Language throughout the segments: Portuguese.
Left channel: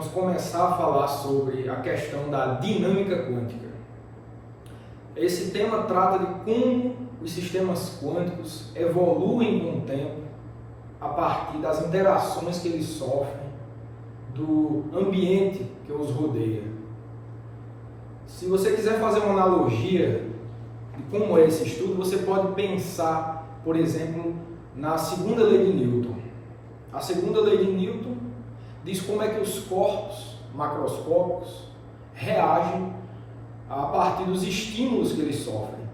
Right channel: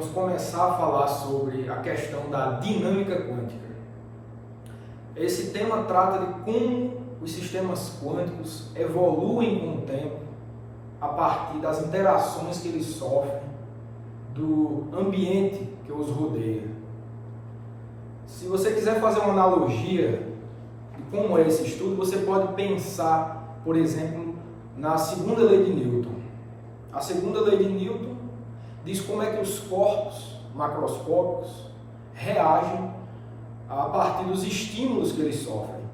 vamos começar a falar sobre a questão da dinâmica quântica. Esse tema trata de como os sistemas quânticos evoluem com o tempo a partir das interações que eles sofrem do ambiente que os rodeia. Se você quiser fazer uma analogia de como é esse estudo, você pode pensar, por exemplo, na segunda lei de Newton. A segunda lei de Newton diz como é que os corpos macroscópicos reagem a partir dos estímulos que eles sofrem.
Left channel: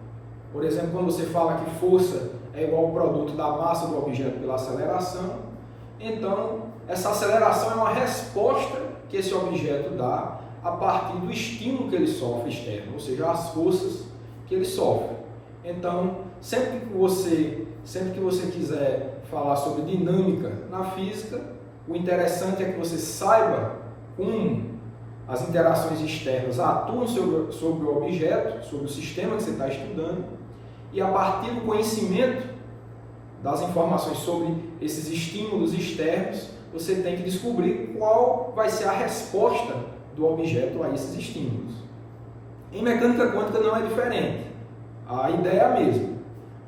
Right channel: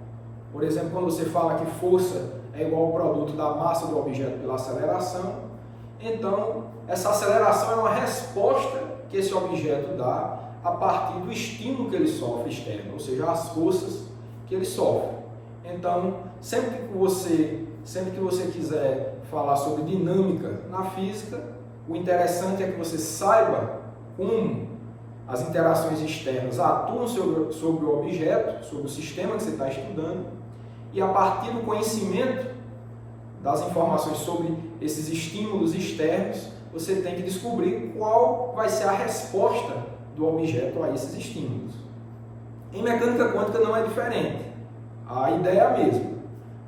Por exemplo, quando você fala que força é igual ao produto da massa do objeto pela aceleração, então essa aceleração é uma resposta que esse objeto dá a partir do estímulo que ele sofre externo, ou seja, as forças que ele sofre. Então, sempre que você quiser falar sobre dinâmica na física, o interessante é que você saiba como as interações externas atuam sobre o objeto, sobre o sistema que você está estudando, e a partir do conhecimento das informações sobre esses estímulos externos, você tem que descobrir qual vai ser a resposta do objeto a esses estímulos. Em mecânica quântica não é diferente. A ideia é a mesma.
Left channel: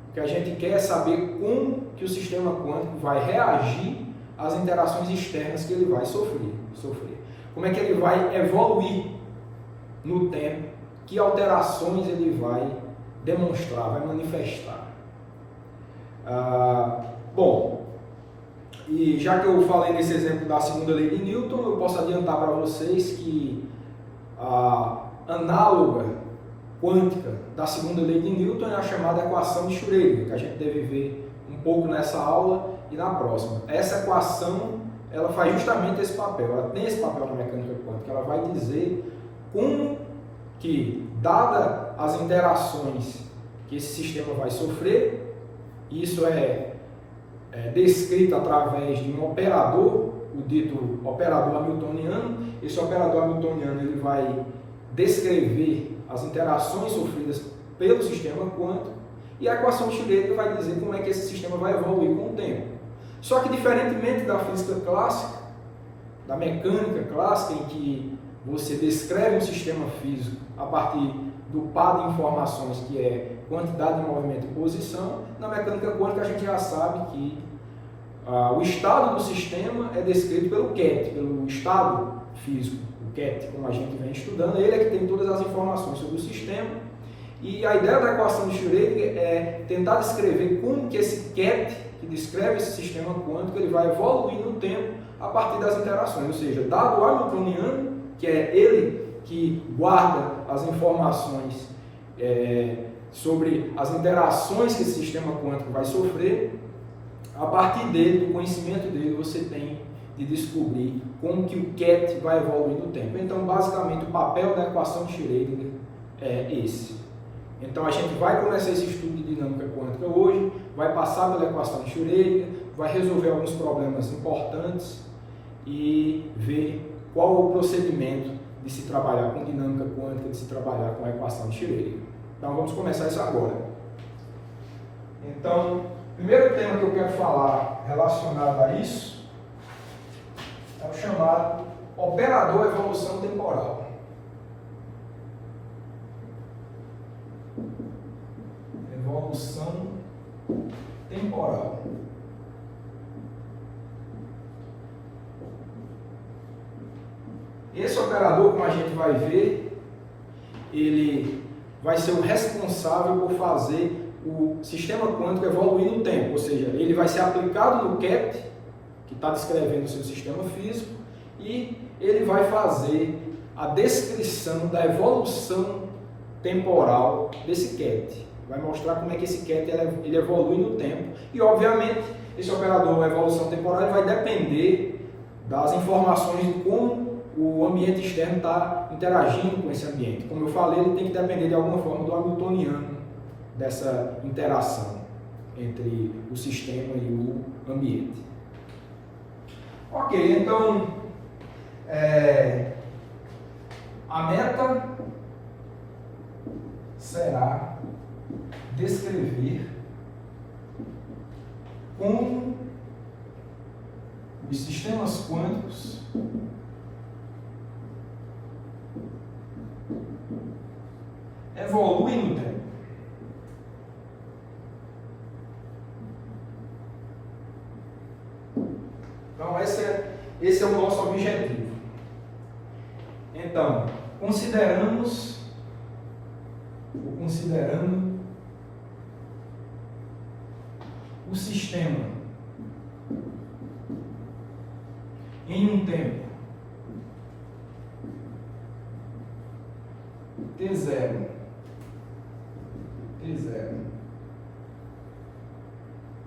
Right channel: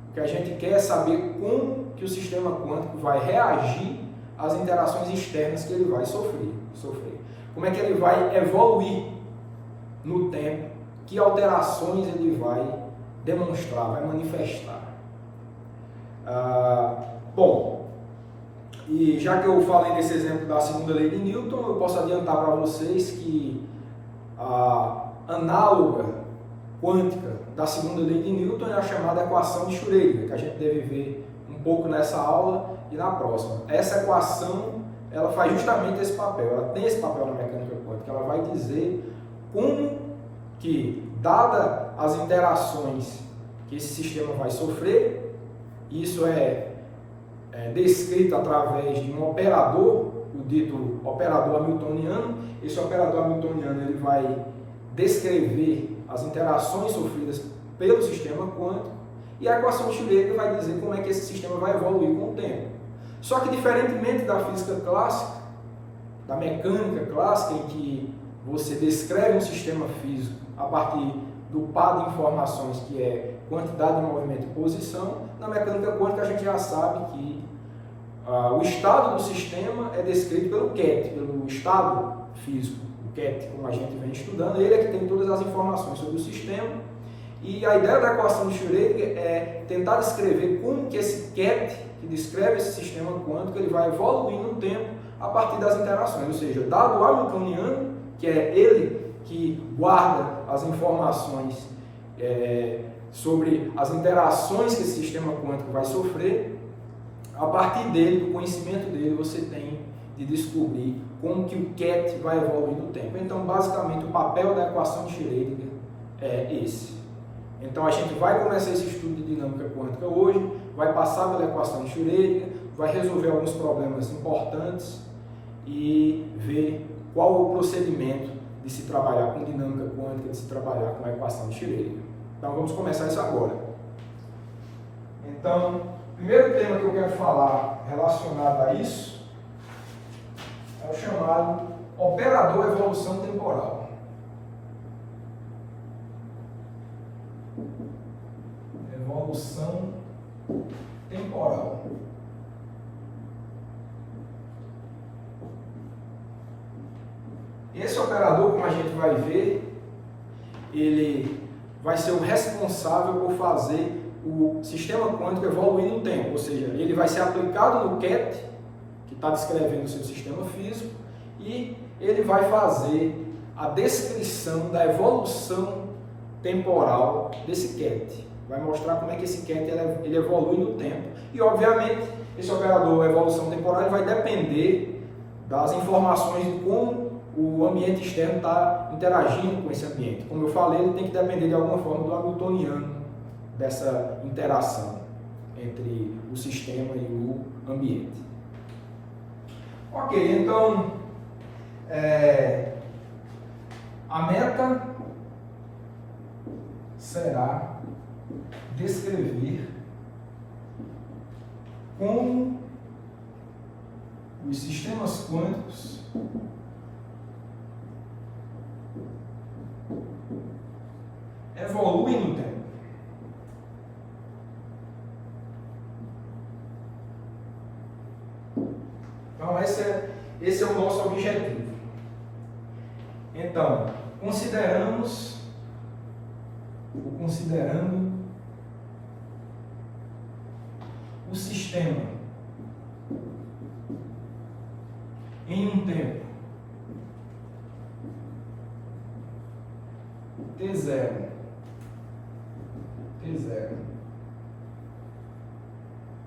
O que a gente quer é saber como que o sistema quântico vai reagir às interações externas que ele vai sofrer. Como é que ele vai evoluir no tempo, que alterações ele vai demonstrar, vai manifestar. Bom, e já que eu falei nesse exemplo da segunda lei de Newton, eu posso adiantar para vocês que a análoga quântica da segunda lei de Newton é a chamada equação de Schrödinger, que a gente deve ver um pouco nessa aula e na próxima. Essa equação, ela faz justamente esse papel, ela tem esse papel na mecânica quântica, ela vai dizer como que, dada as interações que esse sistema vai sofrer, isso é descrito através de um operador, o dito operador hamiltoniano. Esse operador hamiltoniano ele vai descrever as interações sofridas pelo sistema quântico, e a equação de Schrödinger vai dizer como é que esse sistema vai evoluir com o tempo. Só que, diferentemente da física clássica, da mecânica clássica, em que você descreve um sistema físico a partir do par de informações que é quantidade de movimento e posição, na mecânica quântica a gente já sabe que o estado do sistema é descrito pelo QET, pelo estado físico. O QET, como a gente vem estudando, ele é que tem todas as informações sobre o sistema, e a ideia da equação de Schrödinger é tentar descrever como que esse QET, que descreve esse sistema quântico, ele vai evoluir no tempo a partir das interações, ou seja, dado o hamiltoniano, que é ele que guarda as informações sobre as interações que esse sistema quântico vai sofrer, a partir dele, do conhecimento dele, você tem de descobrir como que o QET vai evoluir no tempo. Então, basicamente, o papel da equação de Schrödinger é esse. Então, a gente vai começar esse estudo de dinâmica quântica hoje, vai passar pela equação de Schrödinger, vai resolver alguns problemas importantes e ver qual é o procedimento de se trabalhar com dinâmica quântica, de se trabalhar com a equação de Schrödinger. Então, vamos começar isso agora. Então, o primeiro tema que eu quero falar relacionado a isso é o chamado operador evolução temporal. Evolução temporal. Esse operador, como a gente vai ver, ele vai ser o responsável por fazer o sistema quântico evoluir no tempo, ou seja, ele vai ser aplicado no QET, que está descrevendo o seu sistema físico, e ele vai fazer a descrição da evolução temporal desse QET. Vai mostrar como é que esse QET ele evolui no tempo, e obviamente esse operador evolução temporal ele vai depender das informações de como o ambiente externo está interagindo com esse ambiente. Como eu falei, ele tem que depender de alguma forma do hamiltoniano, dessa interação entre o sistema e o ambiente. Ok, então a meta será descrever como os sistemas quânticos evoluem no tempo. Então, esse é o nosso objetivo. Então, considerando o sistema em um tempo T0,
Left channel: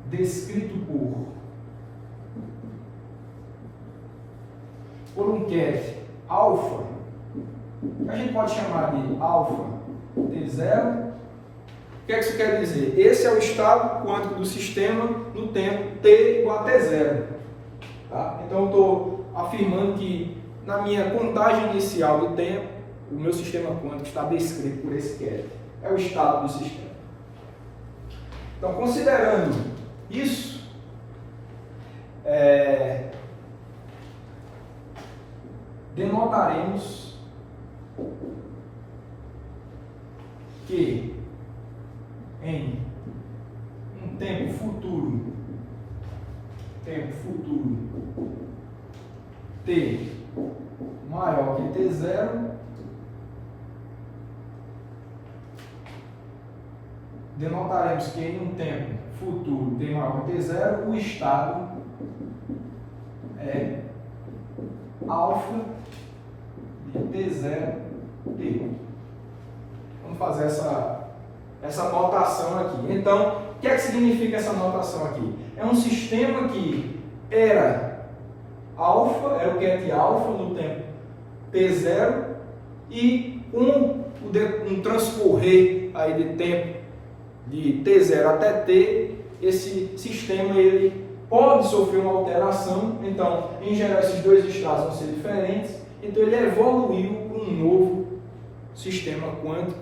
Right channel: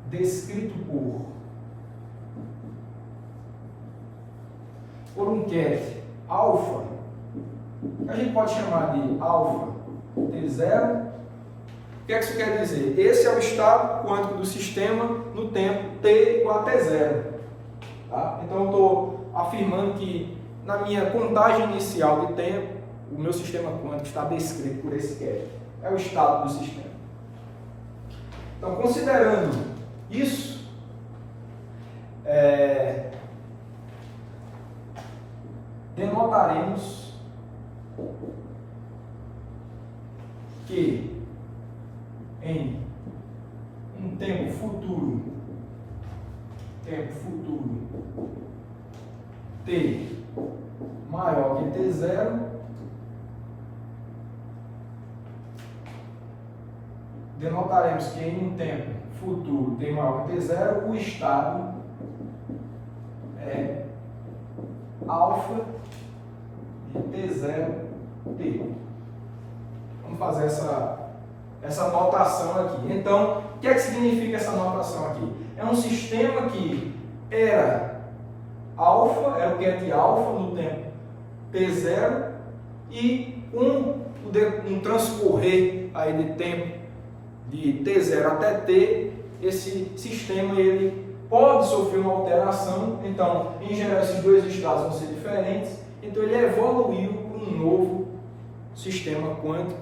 descrito por um ket alfa, que a gente pode chamar de alfa T0. O que é que isso quer dizer? Esse é o estado quântico do sistema no tempo t igual a T0. Tá? Então, eu estou afirmando que na minha contagem inicial de tempo, o meu sistema quântico está descrito por esse ket. É o estado do sistema. Então, considerando isso, denotaremos que em um tempo futuro t maior que T0, denotaremos que em um tempo futuro t maior que T0, o estado é alfa de T0t. Vamos fazer essa notação aqui. Então, o que é que significa essa notação aqui? É um sistema que era alfa, era o ket alfa no tempo T0, e um transcorrer aí de tempo de T0 até T, esse sistema ele pode sofrer uma alteração. Então, em geral, esses dois estados vão ser diferentes. Então, ele evoluiu para um novo sistema quântico.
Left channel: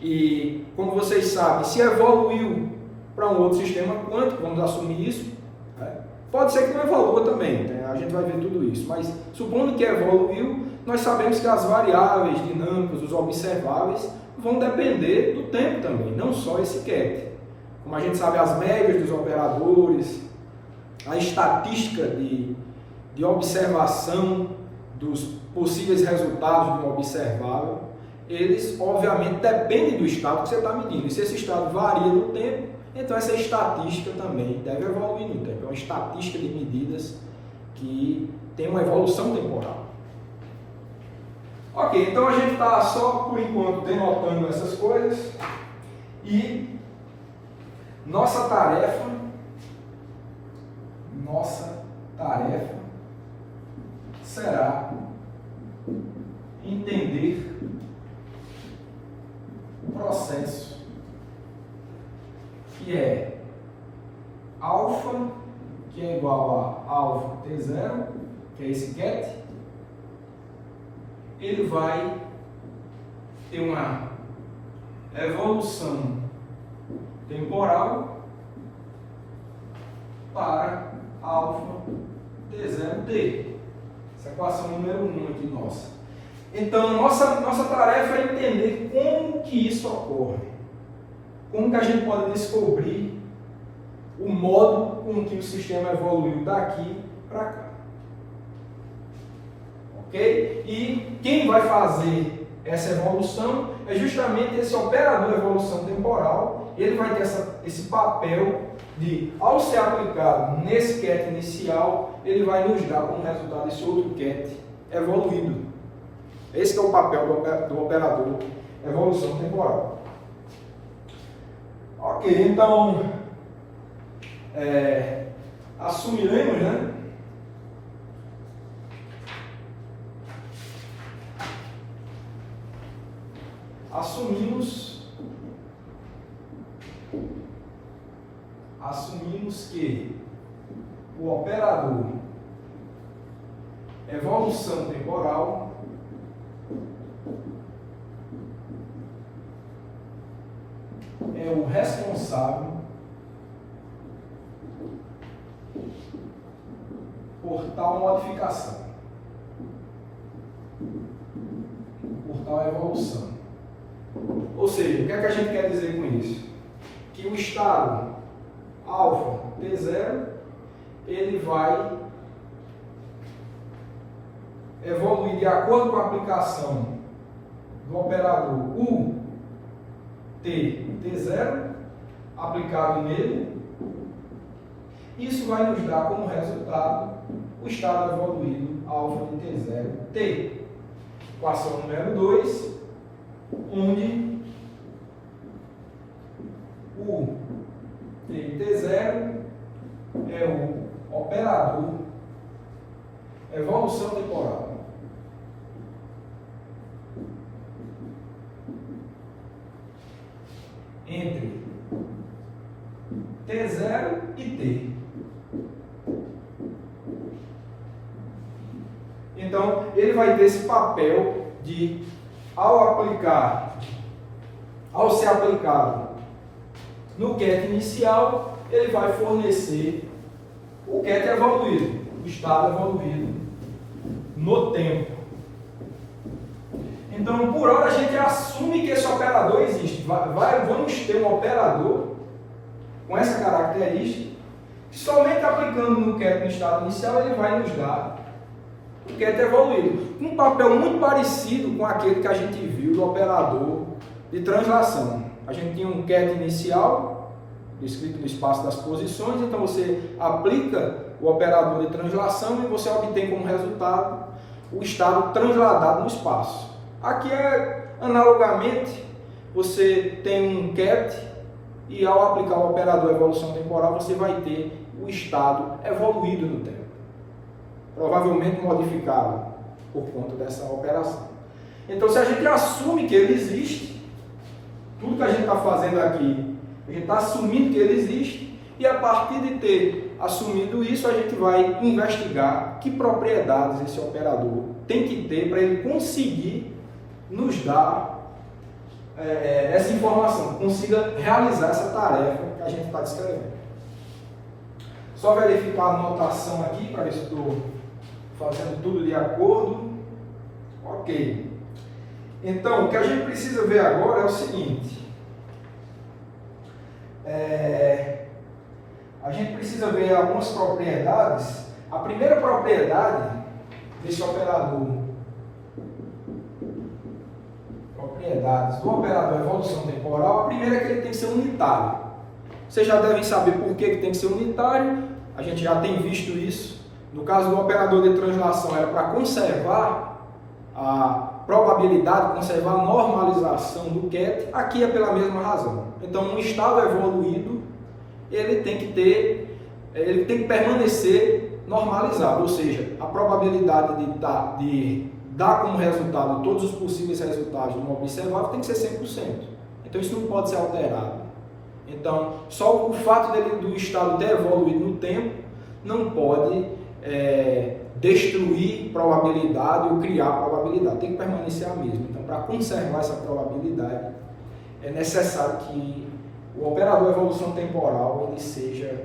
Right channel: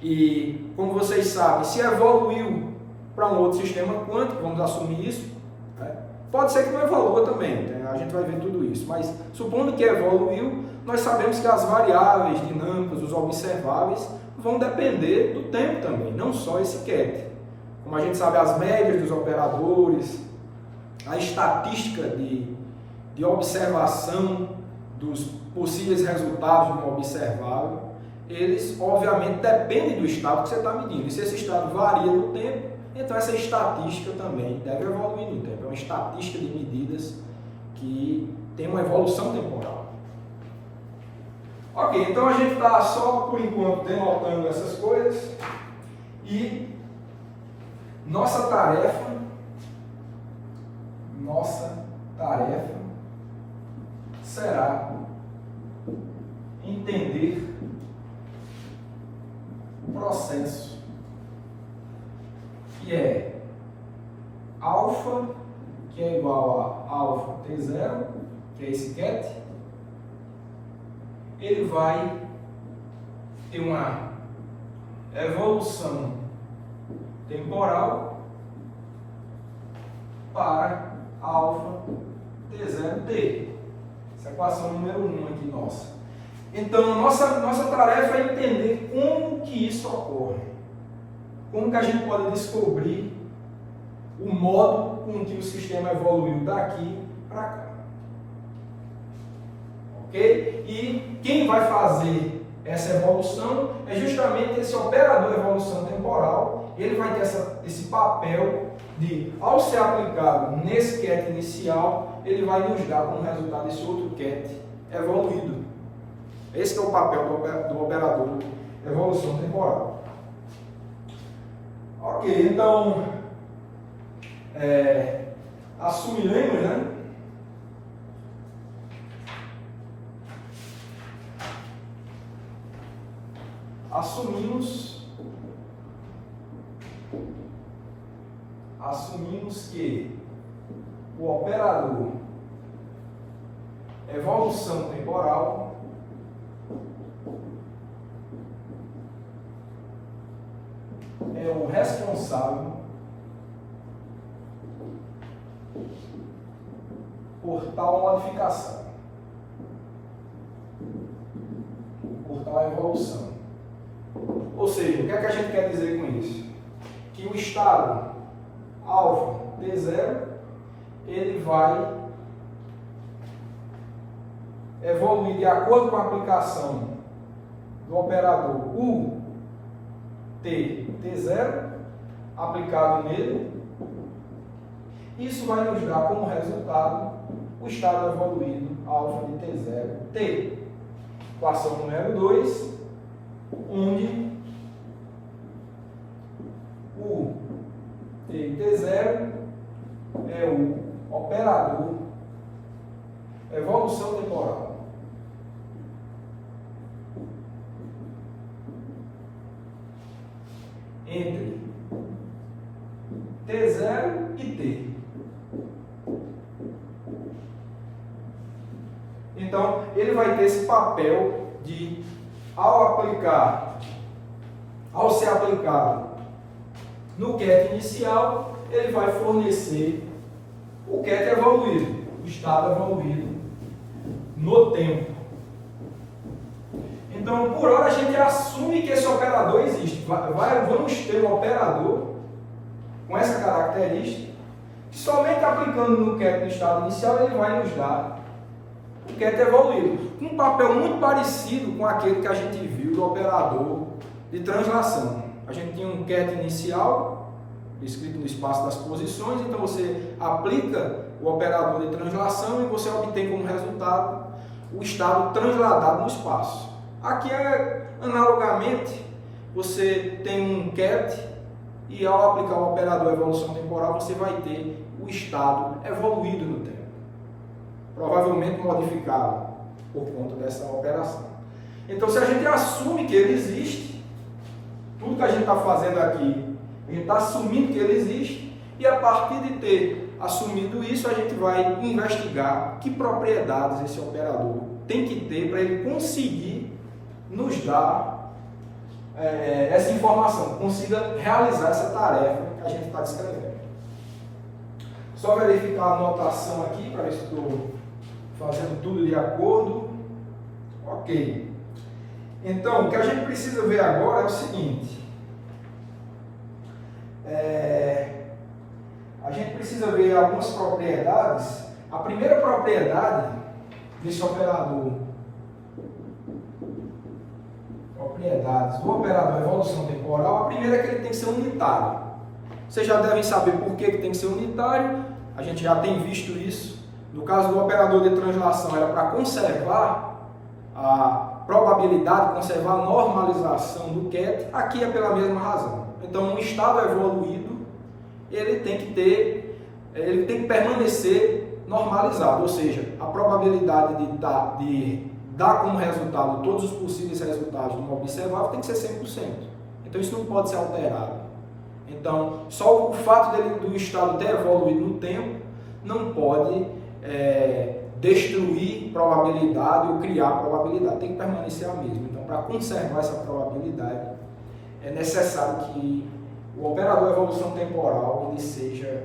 E, como vocês sabem, se evoluiu para um outro sistema quântico, vamos assumir isso, né? Pode ser que não evolua também, né? A gente vai ver tudo isso, mas supondo que evoluiu, nós sabemos que as variáveis dinâmicas, os observáveis, vão depender do tempo também, não só esse ket. Como a gente sabe, as médias dos operadores, a estatística de observação dos possíveis resultados de um observável, eles obviamente dependem do estado que você está medindo. E se esse estado varia no tempo, então essa estatística também deve evoluir no tempo. É uma estatística de medidas que tem uma evolução temporal. Ok, então a gente está só por enquanto denotando essas coisas, e nossa tarefa será entender o processo que é alfa, que é igual a alfa T0, que é esse ket. Ele vai ter uma evolução temporal para alfa T0t. Essa é a equação número 1 aqui nossa. Então, nossa tarefa é entender como que isso ocorre. Como que a gente pode descobrir o modo com que o sistema evoluiu daqui para cá. Ok? E quem vai fazer essa evolução é justamente esse operador de evolução temporal. Ele vai ter esse papel de, ao ser aplicado nesse ket inicial, ele vai nos dar como resultado esse outro ket evoluído. Esse é o papel do operador evolução temporal. Ok, então assumiremos, né? Assumimos que o operador evolução temporal é o responsável por tal modificação, por tal evolução. Ou seja, o que é que a gente quer dizer com isso? Que o estado alfa T0, ele vai evoluir de acordo com a aplicação do operador U T0 aplicado nele. Isso vai nos dar como resultado o estado evoluído alfa de T0 T. Equação número 2, onde o T e T0 é o operador evolução temporal entre T0 e T. Então, ele vai ter esse papel de, ao ser aplicado no ket inicial, ele vai fornecer o ket evoluído, o estado evoluído no tempo. Então, por hora, a gente assume que esse operador existe. Vamos ter um operador com essa característica, que somente aplicando no ket no estado inicial, ele vai nos dar o ket evoluído. Um papel muito parecido com aquele que a gente viu do operador de translação. A gente tinha um ket inicial, descrito no espaço das posições, então você aplica o operador de translação e você obtém como resultado o estado transladado no espaço. Aqui, analogamente, você tem um ket e ao aplicar o operador evolução temporal, você vai ter o estado evoluído no tempo, provavelmente modificado por conta dessa operação. Então, se a gente assume que ele existe, tudo que a gente está fazendo aqui, a gente está assumindo que ele existe, e a partir de ter assumido isso, a gente vai investigar que propriedades esse operador tem que ter para ele conseguir nos dar essa informação, consiga realizar essa tarefa que a gente está descrevendo. Só verificar a anotação aqui para ver se estou fazendo tudo de acordo. Ok. Então, o que a gente precisa ver agora é o seguinte. A gente precisa ver algumas propriedades. A primeira propriedade desse operador, propriedades do operador evolução temporal, a primeira é que ele tem que ser unitário. Vocês já devem saber por que tem que ser unitário, a gente já tem visto isso. No caso do operador de translação, era para conservar a probabilidade, conservar a normalização do ket, aqui é pela mesma razão. Então, um estado evoluído, ele tem que permanecer normalizado, ou seja, a probabilidade de dar como resultado todos os possíveis resultados de um observável tem que ser 100%. Então, isso não pode ser alterado. Então, só o fato do estado ter evoluído no tempo não pode destruir probabilidade ou criar probabilidade. Tem que permanecer a mesma. Então, para conservar essa probabilidade, é necessário que o operador evolução temporal ele seja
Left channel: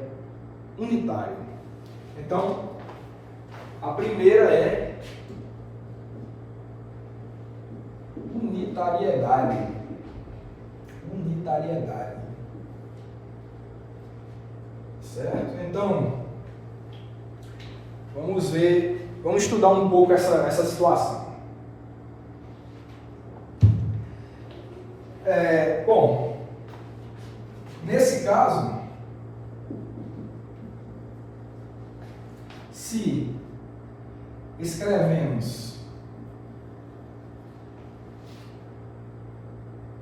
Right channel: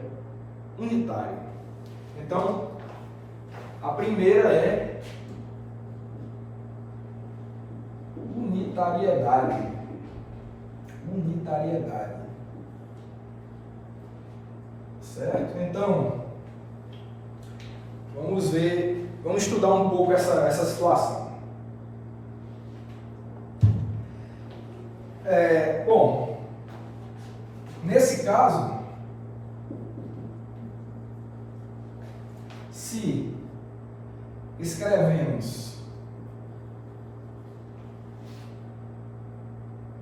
unitário. Então, a primeira é unitariedade. Unitariedade. Certo? Então, vamos estudar um pouco essa situação. Bom, nesse caso, se escrevemos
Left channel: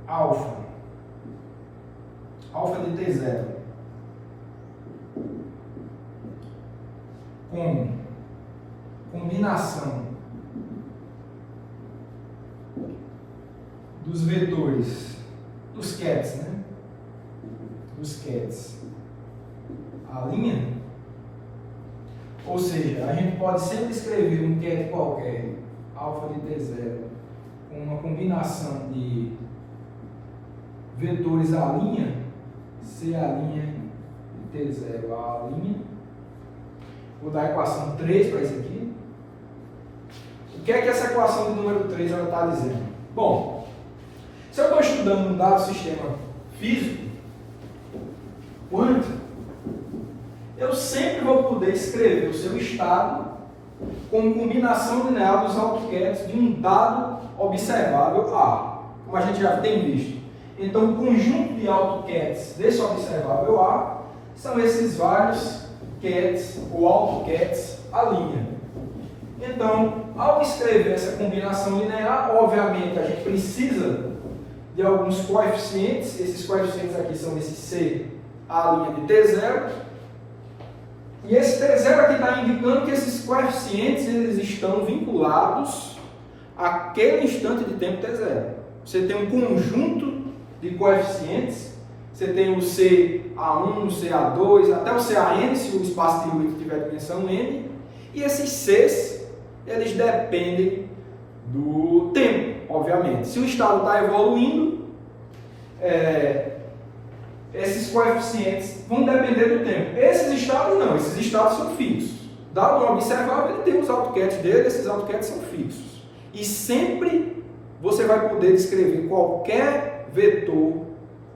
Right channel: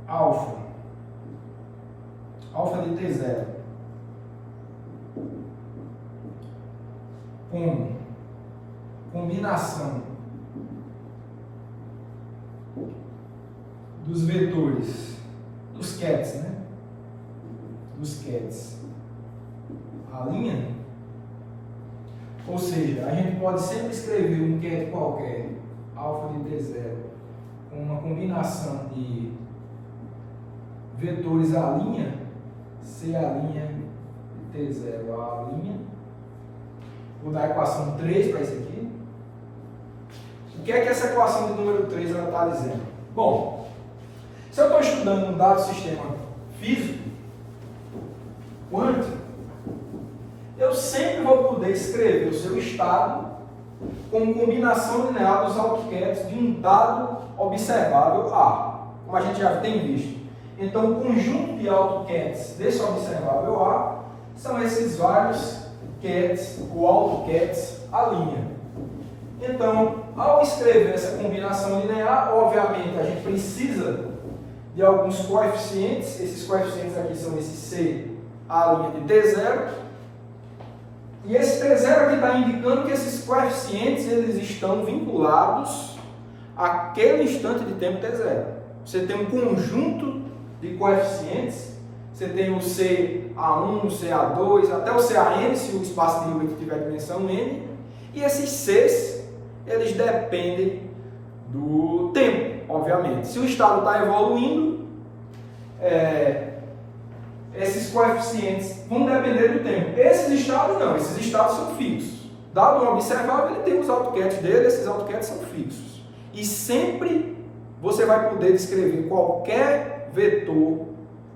alfa de T0 com combinação dos vetores, dos kets, né? Dos kets, a linha, ou seja, a gente pode sempre escrever um ket qualquer, alfa de T0, com uma combinação de vetores a linha, C a linha e T0 a linha. Vou dar a equação 3 para isso aqui. O que é que essa equação de número 3 está dizendo? Bom, se Se eu estou estudando um dado sistema físico, quântico, eu sempre vou poder escrever o seu estado com combinação linear dos AutoCADs de um dado observável A, como a gente já tem visto. Então, o conjunto de AutoCADs desse observável A são esses vários CADs ou AutoCADs à linha. Então, ao escrever essa combinação linear, obviamente a gente precisa de alguns coeficientes. Esses coeficientes aqui são esse C à linha de T0. E esse T0 aqui está indicando que esses coeficientes eles estão vinculados àquele instante de tempo T0. Você tem um conjunto de coeficientes, você tem o CA1, o CA2, até o CAN, se o espaço de Hilbert tiver dimensão n, e esses Cs, eles dependem do tempo, obviamente. Se o estado está evoluindo, esses coeficientes vão depender do tempo. Esses estados não, esses estados são fixos. Dado um observável, ele tem os AutoCADs dele, esses AutoCADs são fixos. E sempre você vai poder descrever qualquer vetor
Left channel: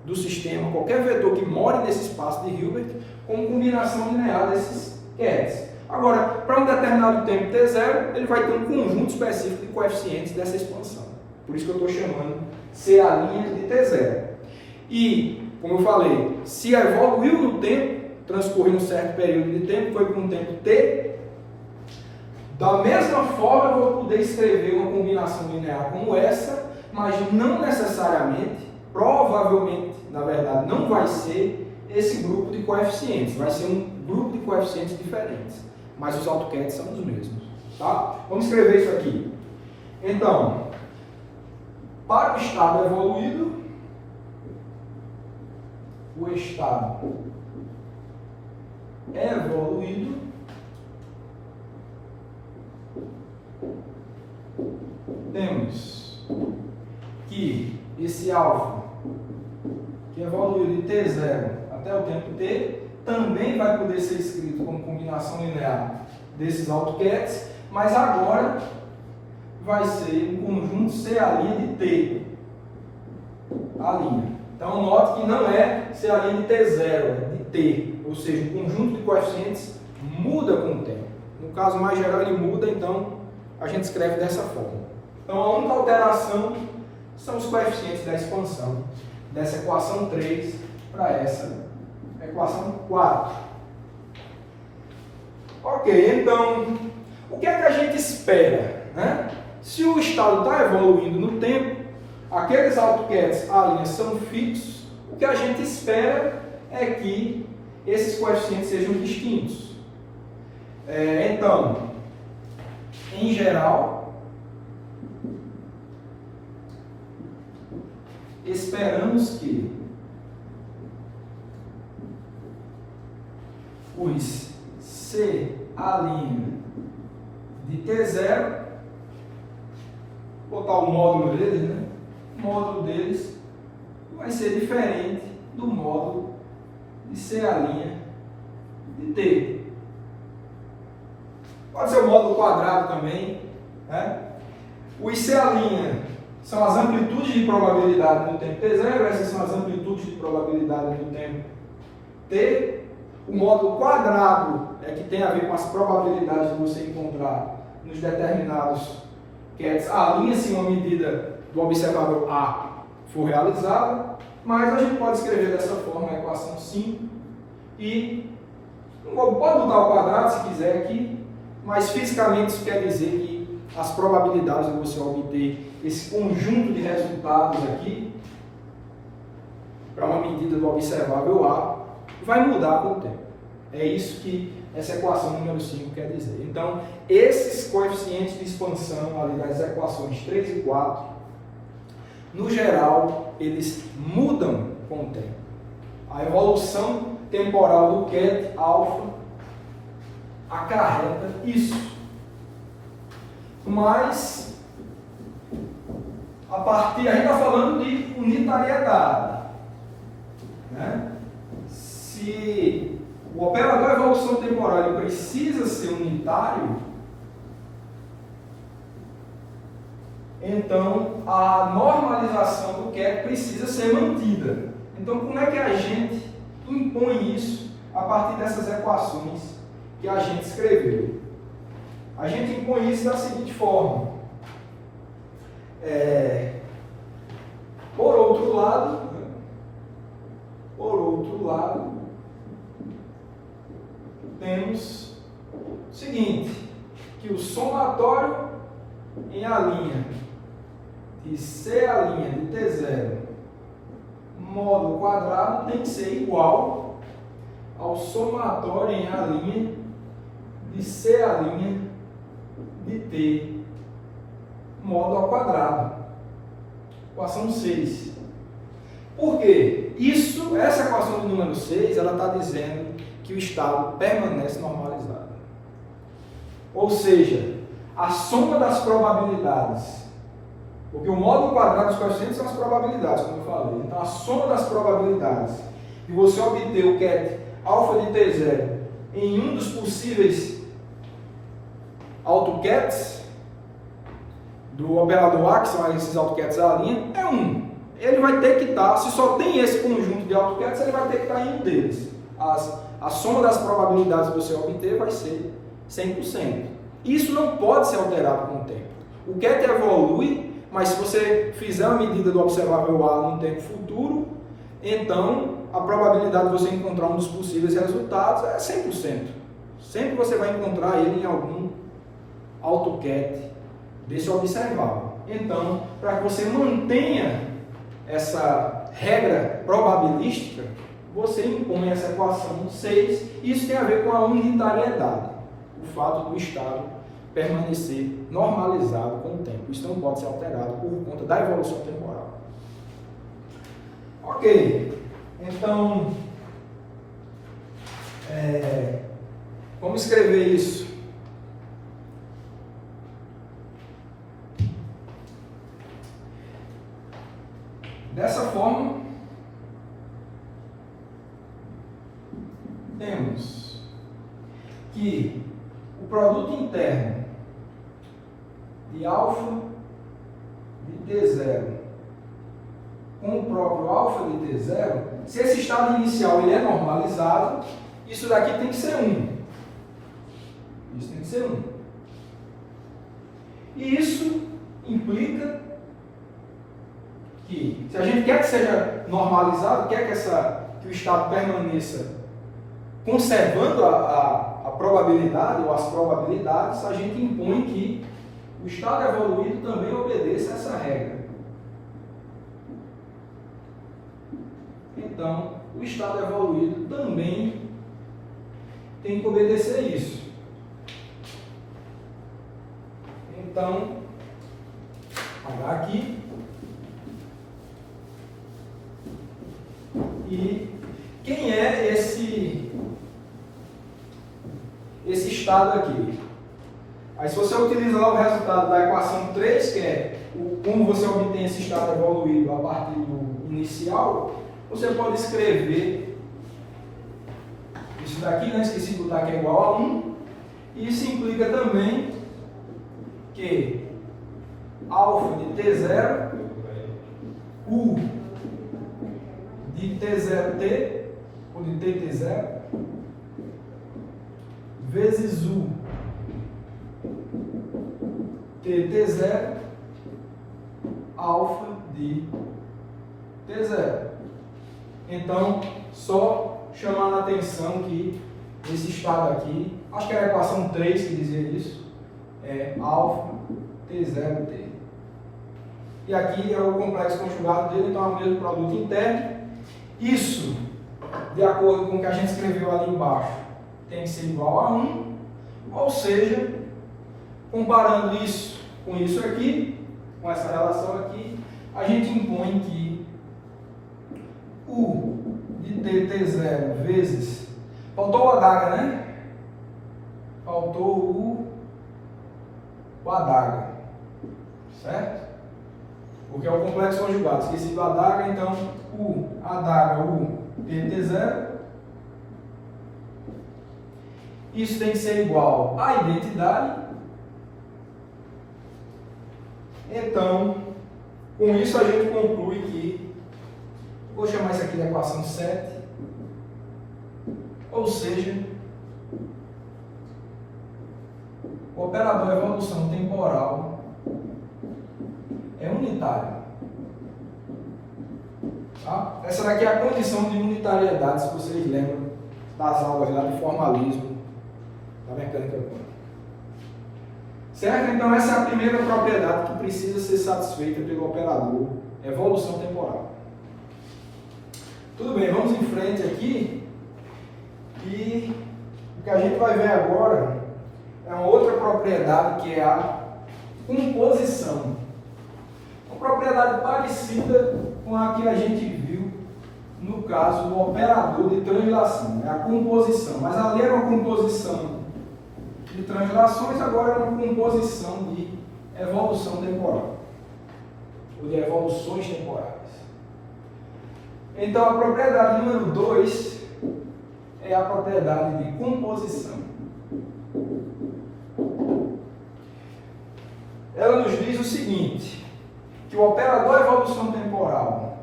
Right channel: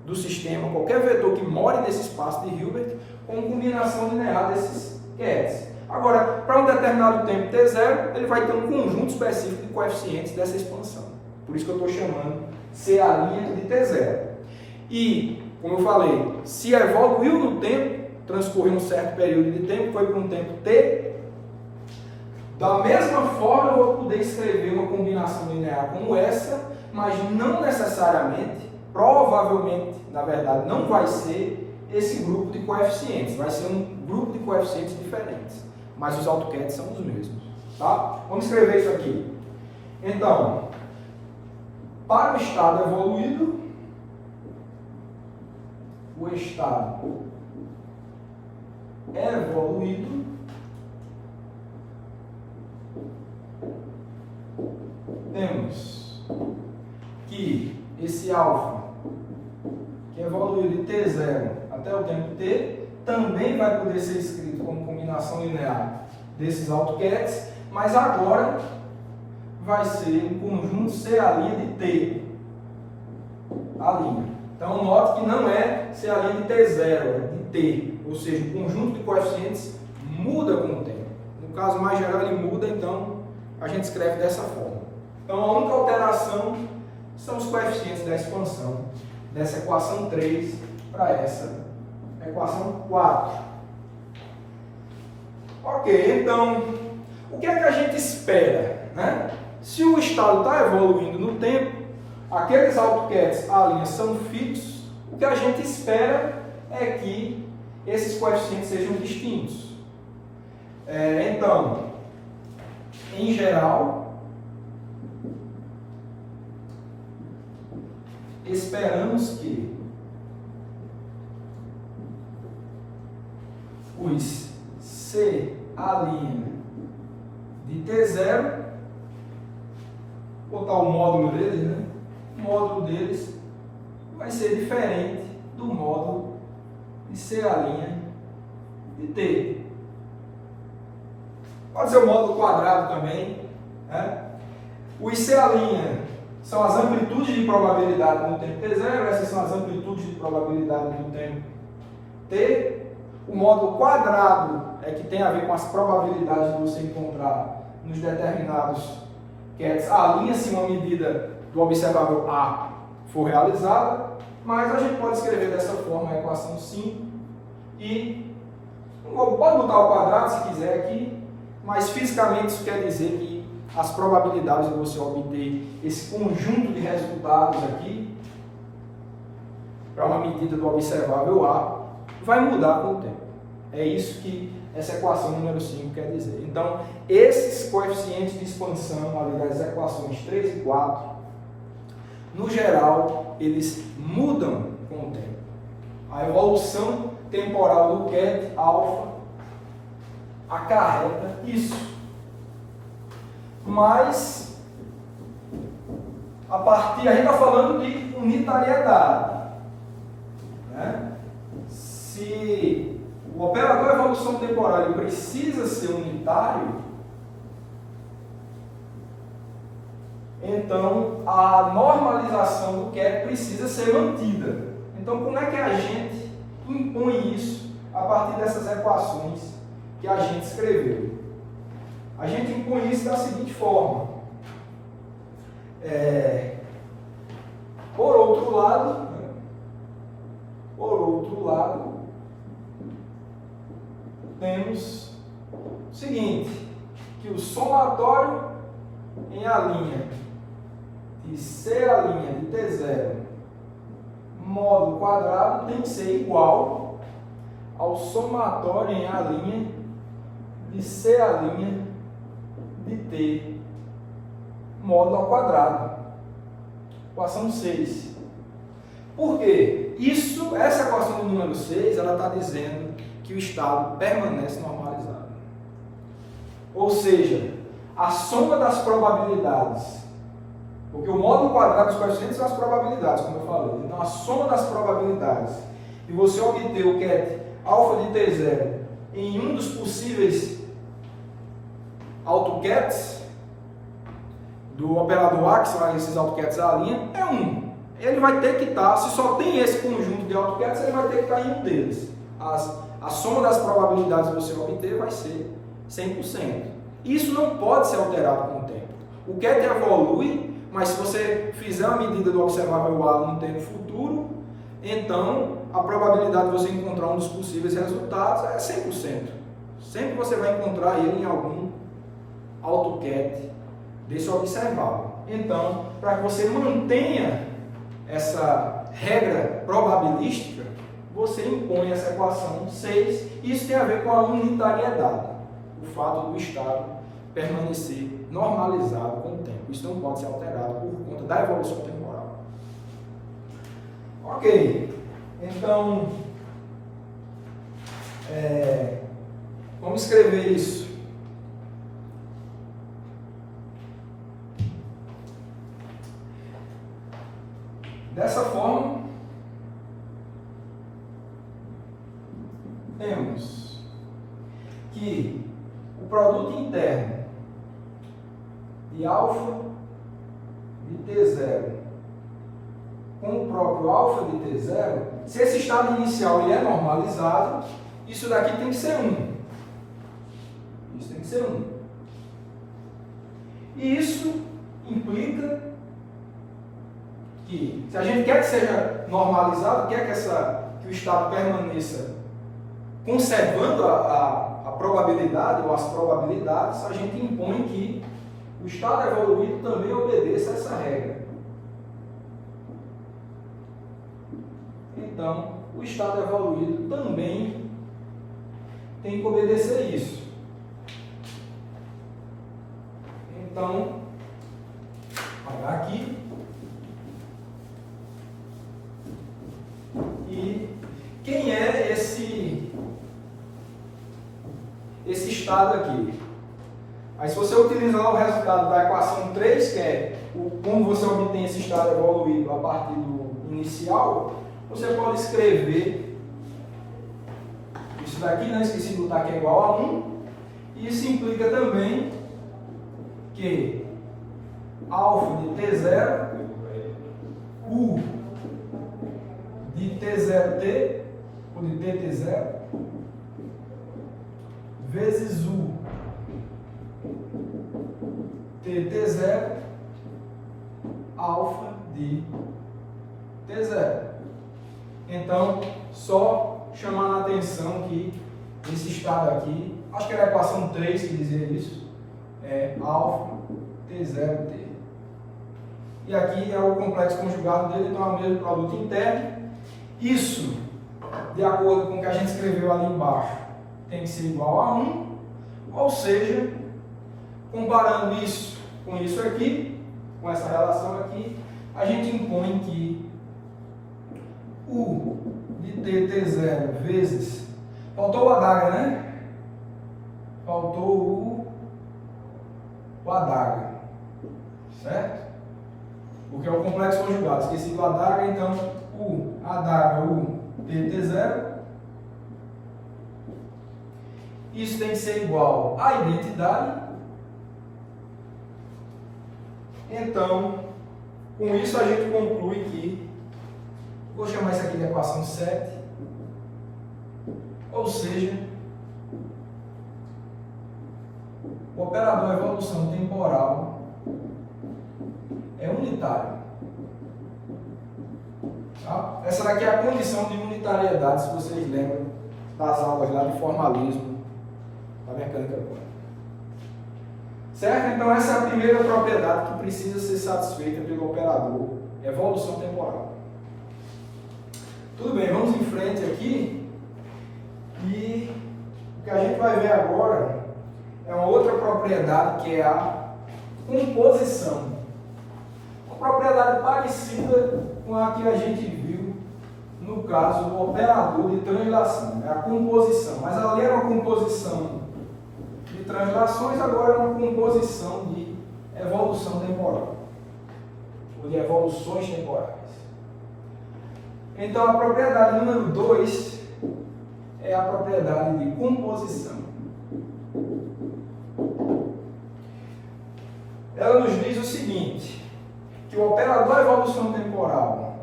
do sistema, qualquer vetor que more nesse espaço de Hilbert, com combinação linear desses CADs. Agora, para um determinado tempo T0, ele vai ter um conjunto específico de coeficientes dessa expansão. Por isso que eu estou chamando CA' de T0. E, como eu falei, se evoluiu no tempo, transcorreu um certo período de tempo, foi para um tempo T, da mesma forma eu vou poder escrever uma combinação linear como essa, mas não necessariamente, provavelmente, na verdade, não vai ser esse grupo de coeficientes, vai ser um grupo de coeficientes diferentes, mas os AutoCADs são os mesmos, tá? Vamos escrever isso aqui. Então, para o estado evoluído, o estado evoluído temos que esse alfa, que evoluiu de T0 até o tempo T, também vai poder ser escrito como combinação linear desses AutoCADs, mas agora vai ser um conjunto CA' de T, a linha. Então, note que não é CA' de T0, é de T, ou seja, o conjunto de coeficientes muda com o tempo. No caso mais geral, ele muda, então a gente escreve dessa forma. Então, a única alteração são os coeficientes da expansão dessa equação 3 para essa equação 4. Ok, então, o que é que a gente espera, né? Se o estado está evoluindo no tempo, aqueles AutoCADs à linha são fixos, o que a gente espera é que esses coeficientes sejam distintos. Então, em geral, esperamos que os CA' de T0, botar o módulo deles, né? O módulo deles vai ser diferente do módulo de CA' de T. Pode ser o módulo quadrado também, né? Os CA' são as amplitudes de probabilidade no tempo T0, essas são as amplitudes de probabilidade no tempo T. O módulo quadrado é que tem a ver com as probabilidades de você encontrar nos determinados CADs a linha se uma medida do observável A for realizada, mas a gente pode escrever dessa forma a equação 5 e pode botar o quadrado se quiser aqui, mas fisicamente isso quer dizer que as probabilidades de você obter esse conjunto de resultados aqui para uma medida do observável A vai mudar com o tempo. É isso que essa equação número 5 quer dizer. Então, esses coeficientes de expansão ali das equações 3 e 4, no geral, eles mudam com o tempo. A evolução temporal do CAD alfa acarreta isso. Mas, a gente está falando de unitariedade, né? Se o operador de evolução temporal ele precisa ser unitário, então a normalização do QET precisa ser mantida. Então, como é que a gente impõe isso a partir dessas equações que a gente escreveu? A gente impõe isso da seguinte forma. Por outro lado, temos o seguinte, que o somatório em a linha de C a linha de T0 módulo quadrado tem que ser igual ao somatório em a linha de C a linha de T módulo ao quadrado. Equação 6. Por quê? Essa equação do número 6, ela está dizendo que o estado permanece normalizado. Ou seja, a soma das probabilidades, porque o módulo quadrado dos coeficientes são as probabilidades, como eu falei. Então, a soma das probabilidades de você obter o QET alfa de T0 em um dos possíveis AutoQETs do operador A, que são esses AutoQETs A', é 1. Ele vai ter que estar, se só tem esse conjunto de AutoQETs, ele vai ter que estar em um deles. A soma das probabilidades que você obter vai ser 100%. Isso não pode ser alterado com o tempo. O QET evolui, mas se você fizer a medida do observável A num tempo futuro, então a probabilidade de você encontrar um dos possíveis resultados é 100%. Sempre você vai encontrar ele em algum AutoQET desse observável. Então, para que você mantenha essa regra probabilística, você impõe essa equação 6, e isso tem a ver com a unitariedade, o fato do estado permanecer normalizado com o tempo. Isso não pode ser alterado por conta da evolução temporal. Ok, então, vamos escrever isso. Dessa forma, temos que o produto interno de alfa de T0 com o próprio alfa de T0, se esse estado inicial ele é normalizado, isso daqui tem que ser 1. Isso tem que ser 1. E isso implica que, se a gente quer que seja normalizado, quer que o estado permaneça conservando a probabilidade ou as probabilidades, a gente impõe que o estado evoluído também obedeça a essa regra. Então, o estado evoluído também tem que obedecer isso. Então, apagar aqui. E quem é esse estado aqui? Aí, se você utilizar o resultado da equação 3, que é como você obtém esse estado evoluído a partir do inicial, você pode escrever isso daqui, né? Esqueci de botar que é igual a 1. E isso implica também que alfa de T0, U de T0T, ou de TT0, vezes U TT0, alfa de T0. Então, só chamando a atenção que esse estado aqui, acho que era a equação 3 que dizia isso, é alfa T0T. E aqui é o complexo conjugado dele, então é o mesmo produto interno. Isso, de acordo com o que a gente escreveu ali embaixo, tem que ser igual a 1, ou seja, comparando isso com isso aqui, com essa relação aqui, a gente impõe que U de TT0 vezes, faltou o adaga, né? Faltou o adaga, certo? Porque é o complexo conjugado, esqueci do adaga, então U adaga U TT0. Isso tem que ser igual à identidade. Então, com isso a gente conclui que, vou chamar isso aqui de equação 7, ou seja, o operador evolução temporal é unitário. Tá? Essa daqui é a condição de unitariedade, se vocês lembram das aulas lá de formalismo da mecânica quântica. Certo? Então essa é a primeira propriedade que precisa ser satisfeita pelo operador, evolução temporal. Tudo bem, vamos em frente aqui e o que a gente vai ver agora é uma outra propriedade que é a composição. Uma propriedade parecida com a que a gente viu no caso do operador de translação, né? A composição, mas ali era uma composição de translações, agora é uma composição de evolução temporal, ou de evoluções temporais. Então a propriedade número 2 é a propriedade de composição. Ela nos diz o seguinte, que o operador evolução temporal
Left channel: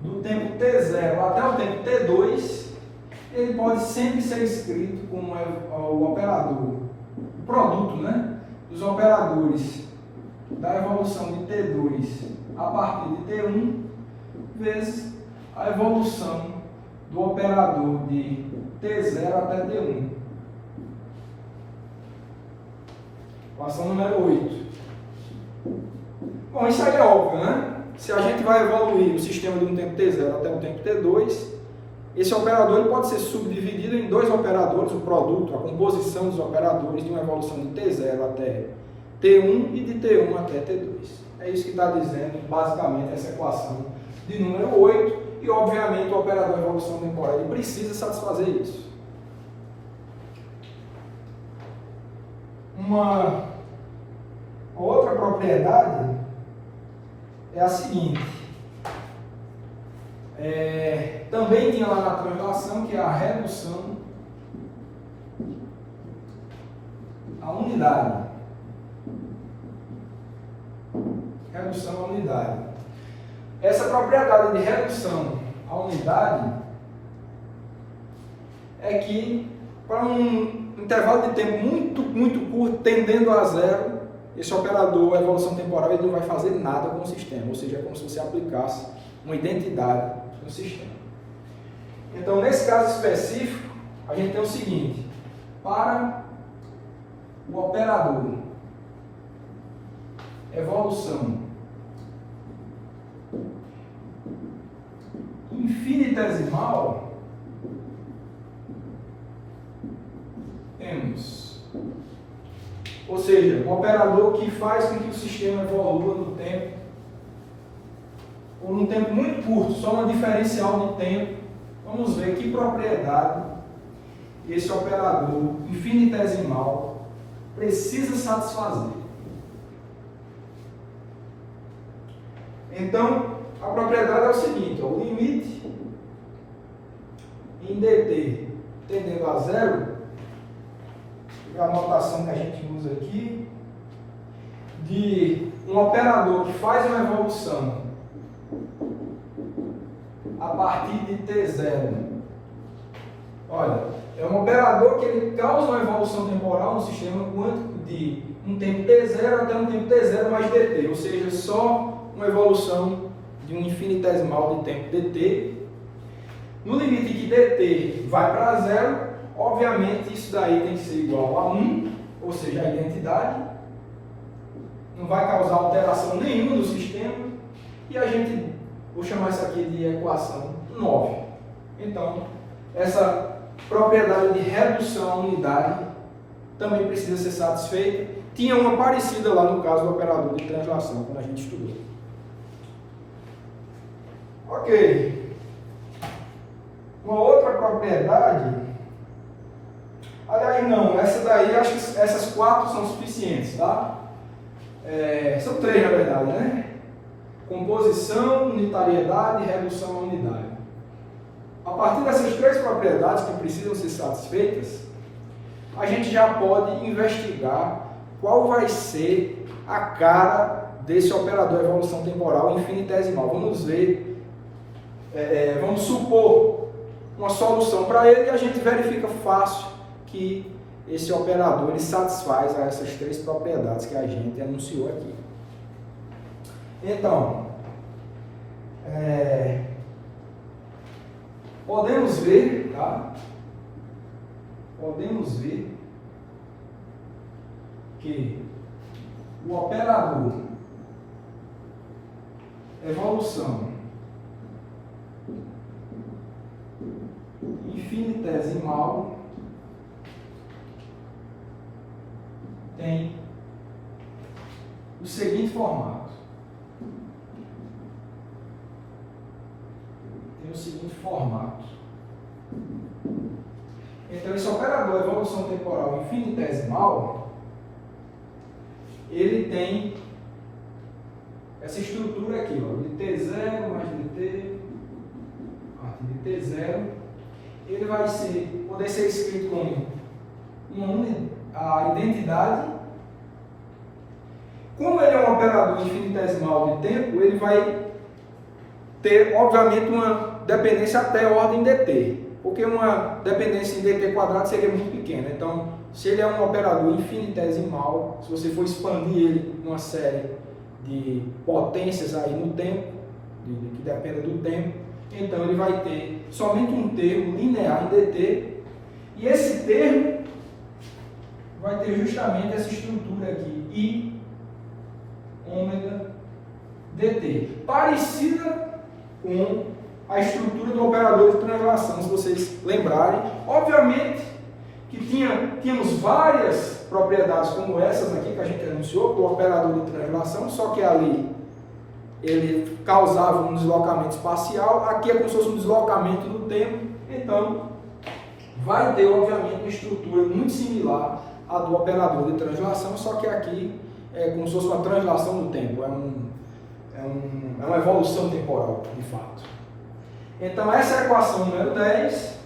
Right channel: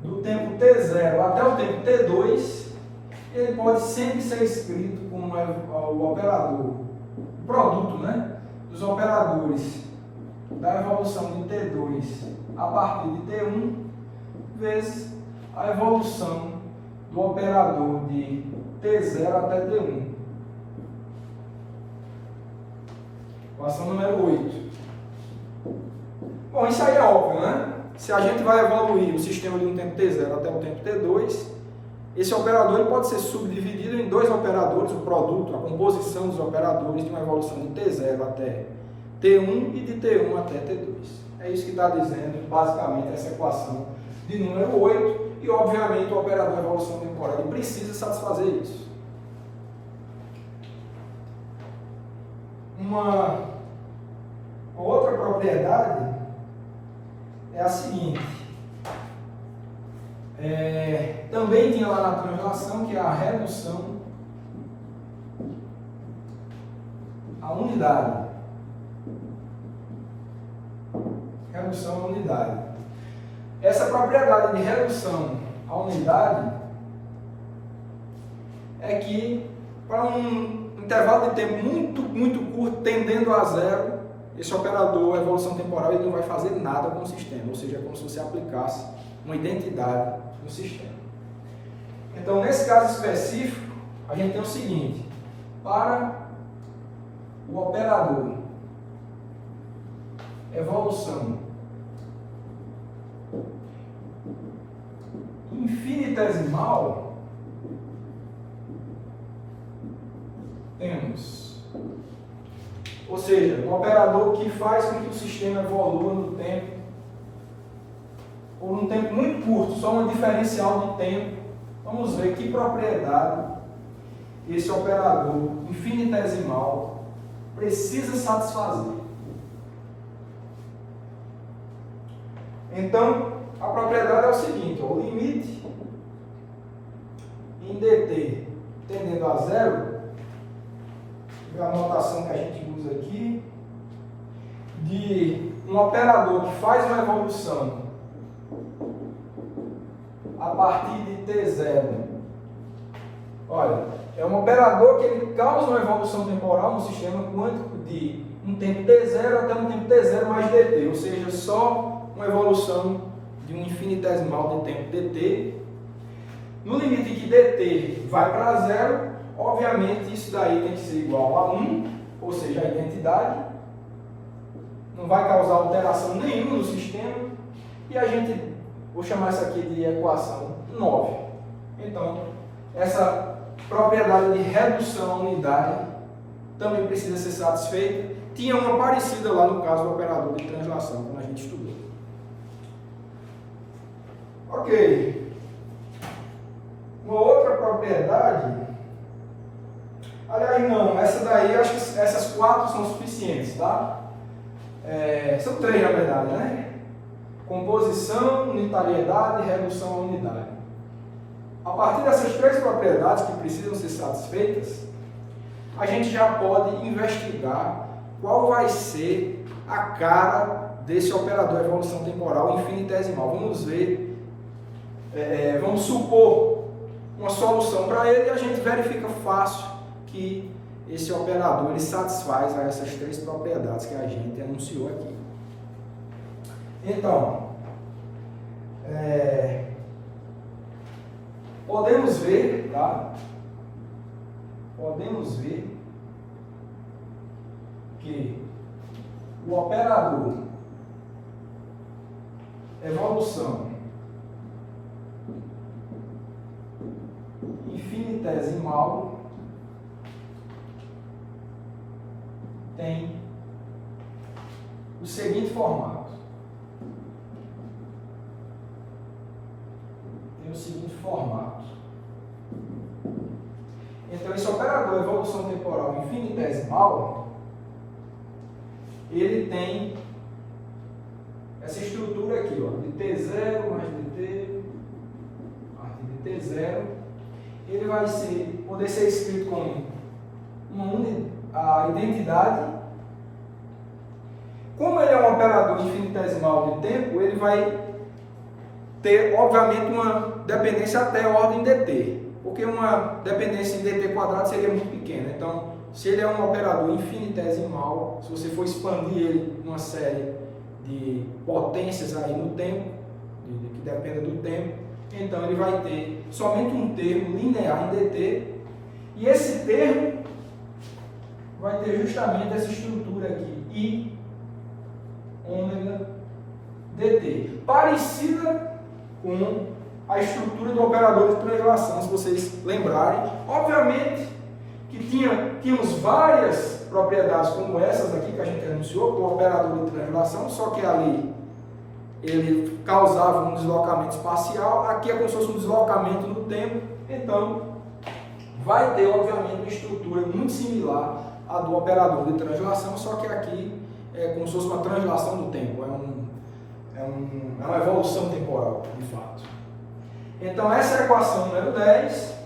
do tempo t0 até o tempo t2, ele pode sempre ser escrito como o operador, o produto, né, dos operadores da evolução de t2 a partir de t1 vezes a evolução do operador de t0 até t1. Equação número 8. Bom, isso aí é óbvio, né? Se a gente vai evoluir o sistema de um tempo t0 até o tempo t2, esse operador ele pode ser subdividido em dois operadores, o produto, a composição dos operadores de uma evolução de t0 até t1 e de t1 até t2. É isso que está dizendo, basicamente, essa equação de número 8, e, obviamente, o operador de evolução temporal ele precisa satisfazer isso. Uma outra propriedade é a seguinte, também tinha lá na translação, que é a redução à unidade. Redução à unidade. Essa propriedade de redução à unidade é que, para um intervalo de tempo muito curto, tendendo a zero, esse operador evolução temporal ele não vai fazer nada com o sistema, ou seja, é como se você aplicasse uma identidade no sistema. Então, nesse caso específico, a gente tem o seguinte, para o operador evolução infinitesimal, temos, ou seja, um operador que faz com que o sistema evolua no tempo, por um tempo muito curto, só uma diferencial de tempo. Vamos ver que propriedade esse operador infinitesimal precisa satisfazer. Então, a propriedade é o seguinte, ó, o limite em dt tendendo a zero, a notação que a gente usa aqui, de um operador que faz uma evolução a partir de t0. Olha, é um operador que ele causa uma evolução temporal no sistema quântico de um tempo t0 até um tempo t0 mais dt, ou seja, só uma evolução de um infinitesimal de tempo dt. No limite que dt vai para zero, obviamente isso daí tem que ser igual a 1, ou seja, a identidade. Não vai causar alteração nenhuma no sistema. E a gente, vou chamar isso aqui de equação 9. Então, essa propriedade de redução à unidade também precisa ser satisfeita. Tinha uma parecida lá no caso do operador de translação, quando a gente estudou. Ok. Uma outra propriedade, aliás não, essa daí, acho que essas 4 são suficientes, tá? São 3 na verdade, né? Composição, unitariedade e redução à unidade. A partir dessas 3 propriedades que precisam ser satisfeitas, a gente já pode investigar qual vai ser a cara desse operador evolução temporal infinitesimal. Vamos ver, vamos supor uma solução para ele e a gente verifica fácil que esse operador ele satisfaz a essas três propriedades que a gente anunciou aqui. Então, podemos ver, tá? Podemos ver que o operador evolução infinitesimal tem o seguinte formato. Então, esse operador evolução temporal infinitesimal, ele tem essa estrutura aqui, ó, de T0 mais dt, a partir de T0, ele vai poder ser escrito como a identidade. Como ele é um operador infinitesimal de tempo, ele vai ter, obviamente, uma dependência até ordem dt, porque uma dependência em dt quadrado seria muito pequena. Então, se ele é um operador infinitesimal, se você for expandir ele numa série de potências aí no tempo, que dependa do tempo, então ele vai ter somente um termo linear em dt, e esse termo vai ter justamente essa estrutura aqui, I ômega dt, parecida com a estrutura do operador de translação, se vocês lembrarem. Obviamente que tínhamos várias propriedades como essas aqui que a gente anunciou, com o operador de translação, só que ali ele causava um deslocamento espacial, aqui é como se fosse um deslocamento no tempo, então vai ter obviamente uma estrutura muito similar à do operador de translação, só que aqui é como se fosse uma translação no tempo, é uma evolução temporal, de fato. Então, essa é a equação número 10.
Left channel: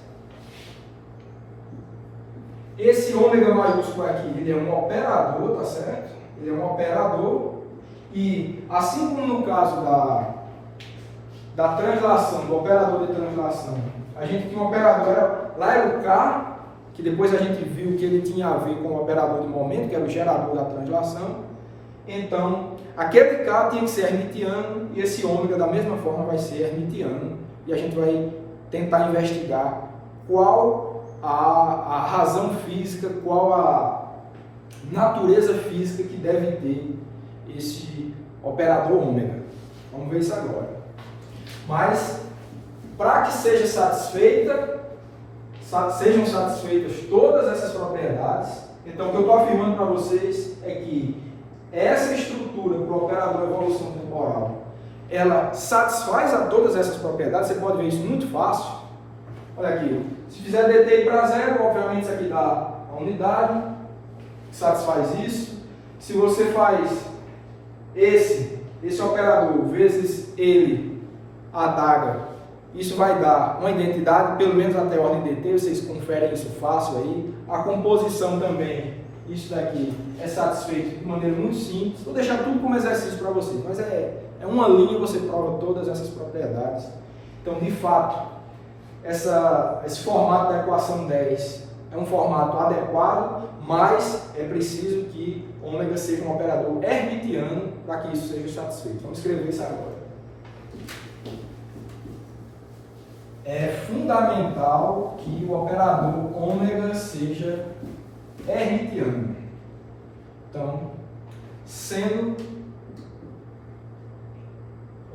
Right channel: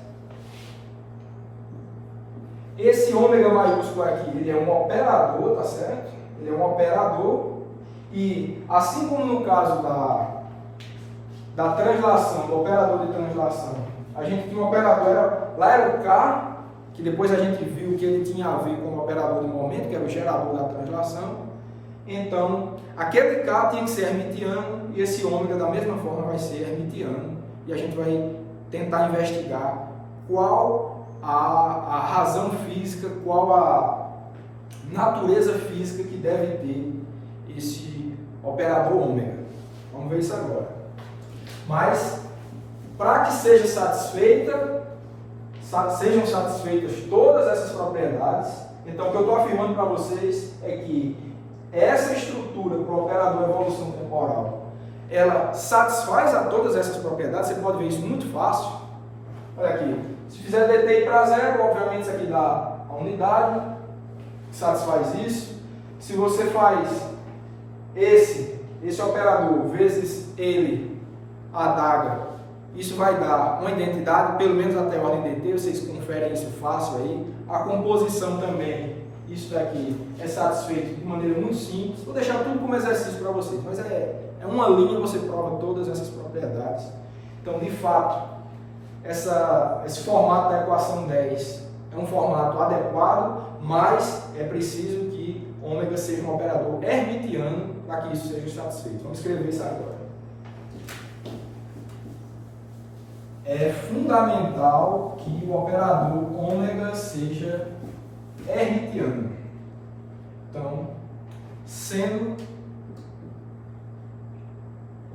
Esse ômega maiúsculo aqui, ele é um operador, tá certo? Ele é um operador. E, assim como no caso da translação, do operador de translação, a gente tinha um operador, lá era o K, que depois a gente viu que ele tinha a ver com o operador de momento, que era o gerador da translação. Então, aquele K tinha que ser hermitiano, e esse ômega, da mesma forma, vai ser hermitiano. E a gente vai tentar investigar qual a razão física, qual a natureza física que deve ter esse operador ômega. Vamos ver isso agora. Mas, para que sejam satisfeitas todas essas propriedades, então o que eu estou afirmando para vocês é que essa estrutura para o operador evolução temporal, ela satisfaz a todas essas propriedades. Você pode ver isso muito fácil. Olha aqui, se fizer dt para zero, obviamente isso aqui dá a unidade, satisfaz isso. Se você faz esse operador vezes ele, a adaga, isso vai dar uma identidade, pelo menos até a ordem dt, vocês conferem isso fácil aí. A composição também, isso daqui é satisfeito de maneira muito simples. Vou deixar tudo como exercício para vocês, mas é uma linha, você prova todas essas propriedades. Então, de fato, esse formato da equação 10 é um formato adequado, mas é preciso que ômega seja um operador hermitiano para que isso seja satisfeito. Vamos escrever isso agora. É fundamental que o operador ômega seja hermitiano. Então, sendo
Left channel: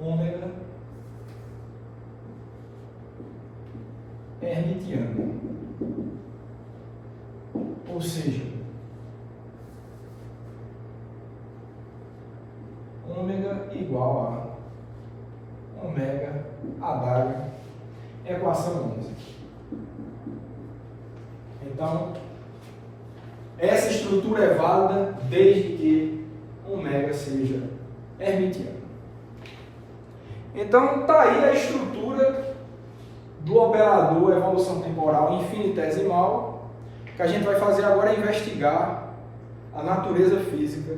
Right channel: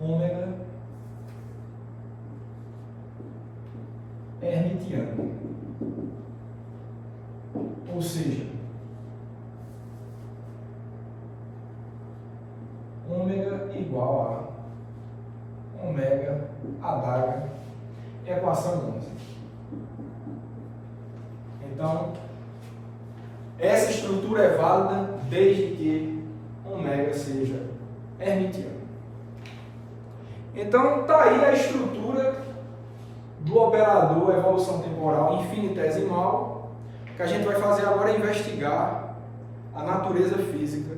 ômega hermitiano, ou seja, ômega igual a ômega adaga, equação 11. Então, essa estrutura é válida desde que ômega seja hermitiano. Então, está aí a estrutura do operador evolução temporal infinitesimal. O que a gente vai fazer agora é investigar a natureza física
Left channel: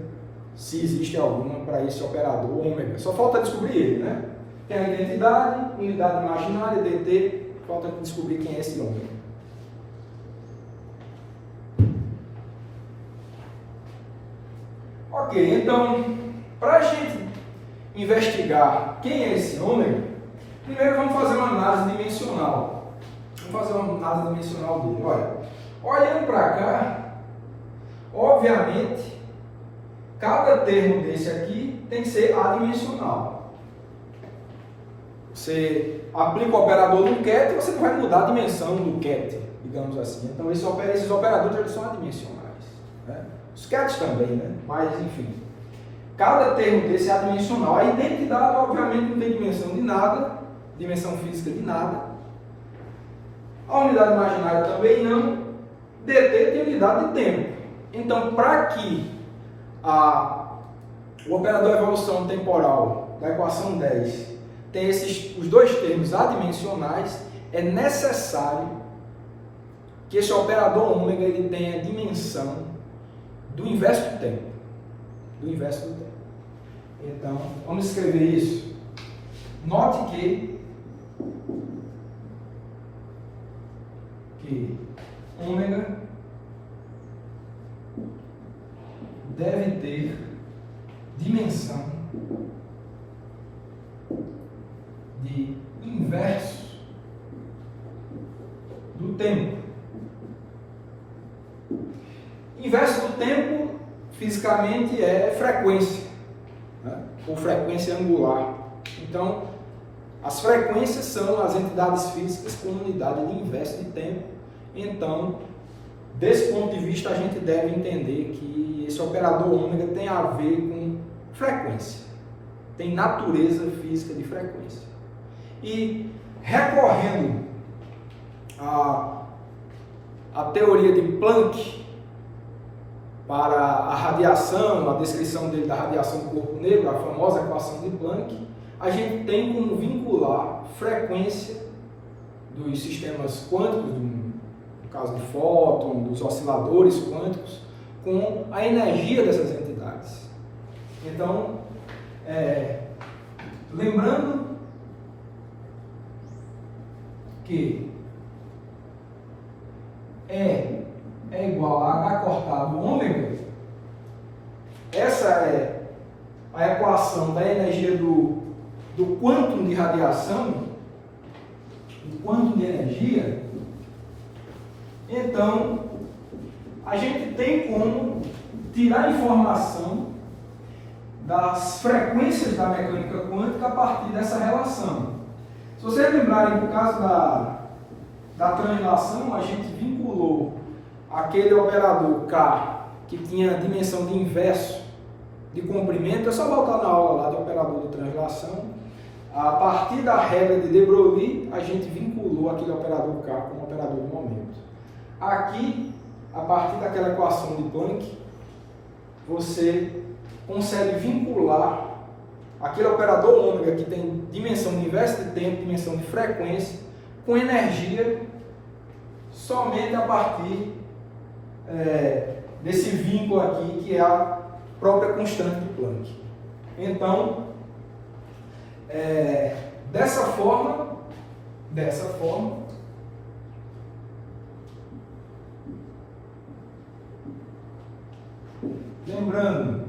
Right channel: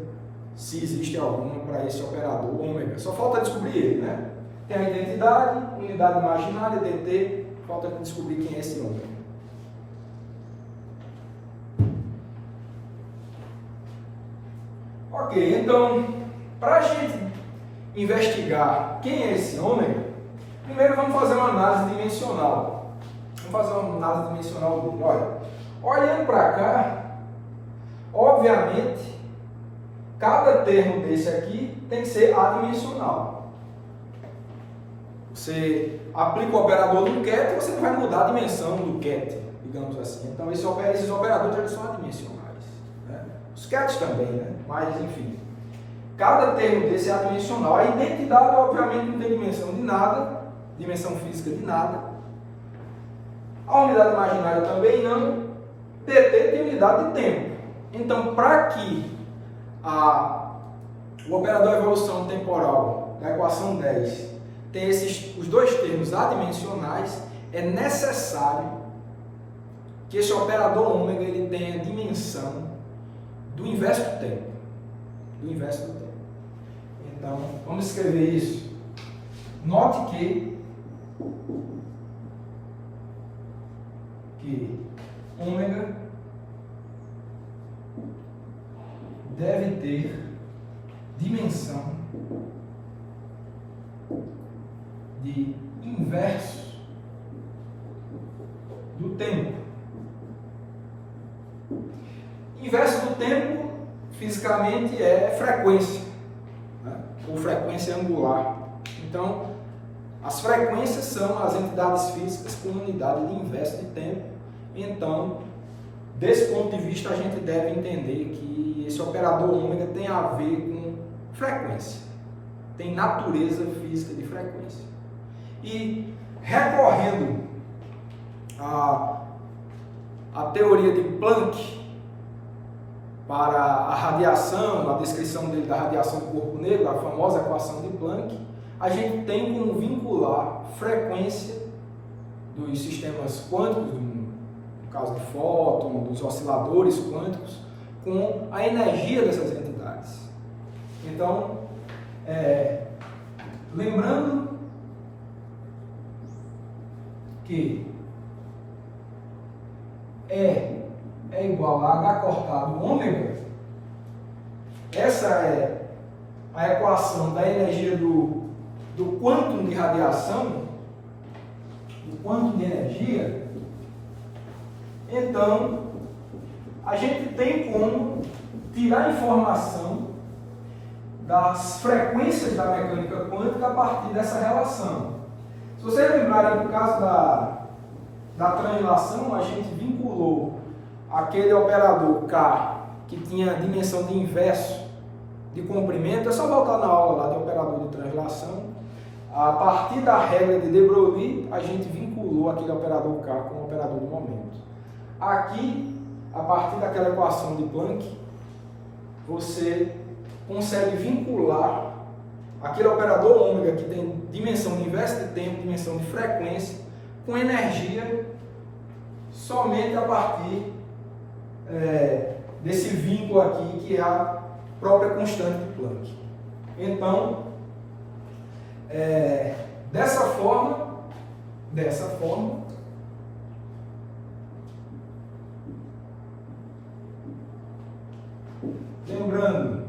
se existe alguma para esse operador ômega. Só falta descobrir ele, né? Tem a identidade, unidade imaginária, dt, falta descobrir quem é esse ômega. Ok, então, para a gente investigar quem é esse ômega, primeiro vamos fazer uma análise dimensional. Vamos fazer uma análise dimensional dele. Olha, olhando para cá, obviamente, cada termo desse aqui tem que ser adimensional. Você aplica o operador do ket e você não vai mudar a dimensão do ket, digamos assim. Então, esses operadores eles são adimensionais, né? Os kets também, né? Mas, enfim, cada termo desse é adimensional. A identidade, obviamente, não tem dimensão de nada, dimensão física de nada. A unidade imaginária também não. dt tem unidade de tempo. Então, para que o operador evolução temporal da equação 10 tem os dois termos adimensionais, é necessário que esse operador ômega ele tenha dimensão do inverso do tempo. Do inverso do tempo. Então, vamos escrever isso. Note que ômega deve ter dimensão de inverso do tempo. Inverso do tempo, fisicamente, é frequência, né? Ou frequência angular. Então, as frequências são as entidades físicas com unidade de inverso de tempo. Então, desse ponto de vista, a gente deve entender que esse operador ômega tem a ver com frequência. Tem natureza física de frequência. E, recorrendo à teoria de Planck, para a radiação, a descrição dele da radiação do corpo negro, a famosa equação de Planck, a gente tem como vincular frequência dos sistemas quânticos, no caso de fóton, dos osciladores quânticos, com a energia dessas entidades. Então, lembrando que é igual a H cortado ômega, essa é a equação da energia do quantum de radiação, do quantum de energia. Então, a gente tem como tirar informação das frequências da mecânica quântica a partir dessa relação. Se vocês lembrarem, no caso da translação, a gente vinculou aquele operador K que tinha dimensão de inverso de comprimento. É só voltar na aula lá do operador de translação. A partir da regra de de Broglie, a gente vinculou aquele operador K com o operador de momento. Aqui, a partir daquela equação de Planck, você consegue vincular aquele operador ômega que tem dimensão de inverso de tempo, dimensão de frequência, com energia somente a partir desse vínculo aqui, que é a própria constante de Planck. Então, dessa forma, lembrando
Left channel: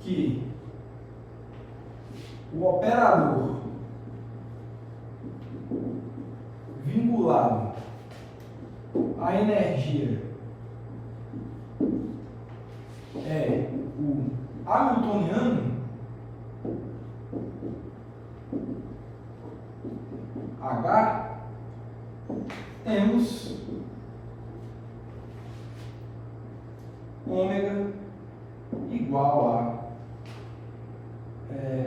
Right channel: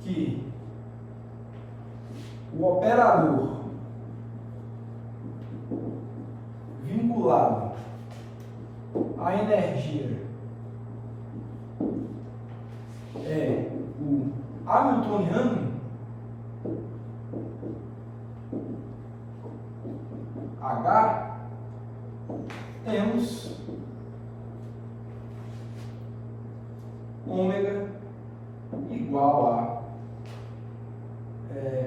que o operador vinculado à energia é o hamiltoniano, H, temos ômega igual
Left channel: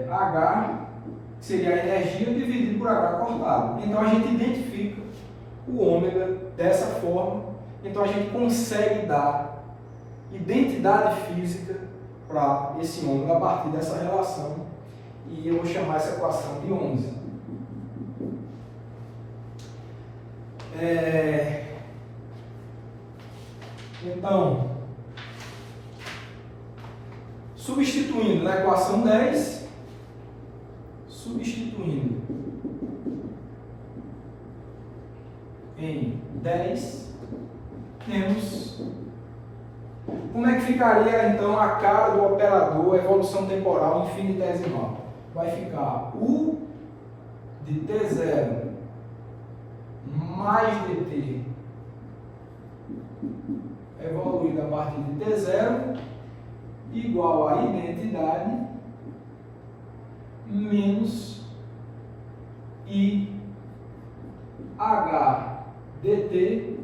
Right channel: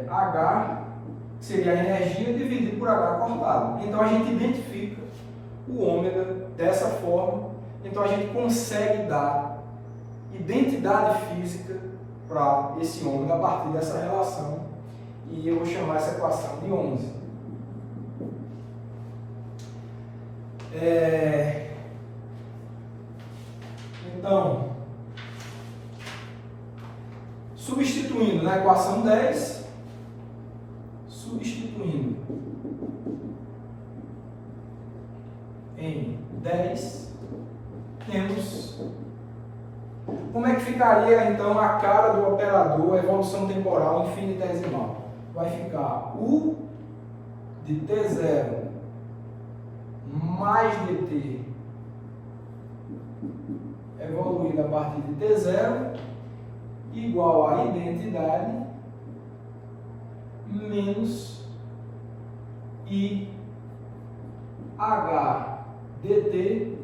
a H, que seria a energia, dividido por H cortado. Então a gente identifica o ômega dessa forma. Então a gente consegue dar identidade física para esse ômega a partir dessa relação. E eu vou chamar essa equação de 11. Então, Substituindo na equação 10, substituindo em 10, temos... Como é que ficaria então a cara do operador, a evolução temporal infinitesimal? Vai ficar U de T0 mais dt evoluído a partir de T0 igual a identidade menos IH dt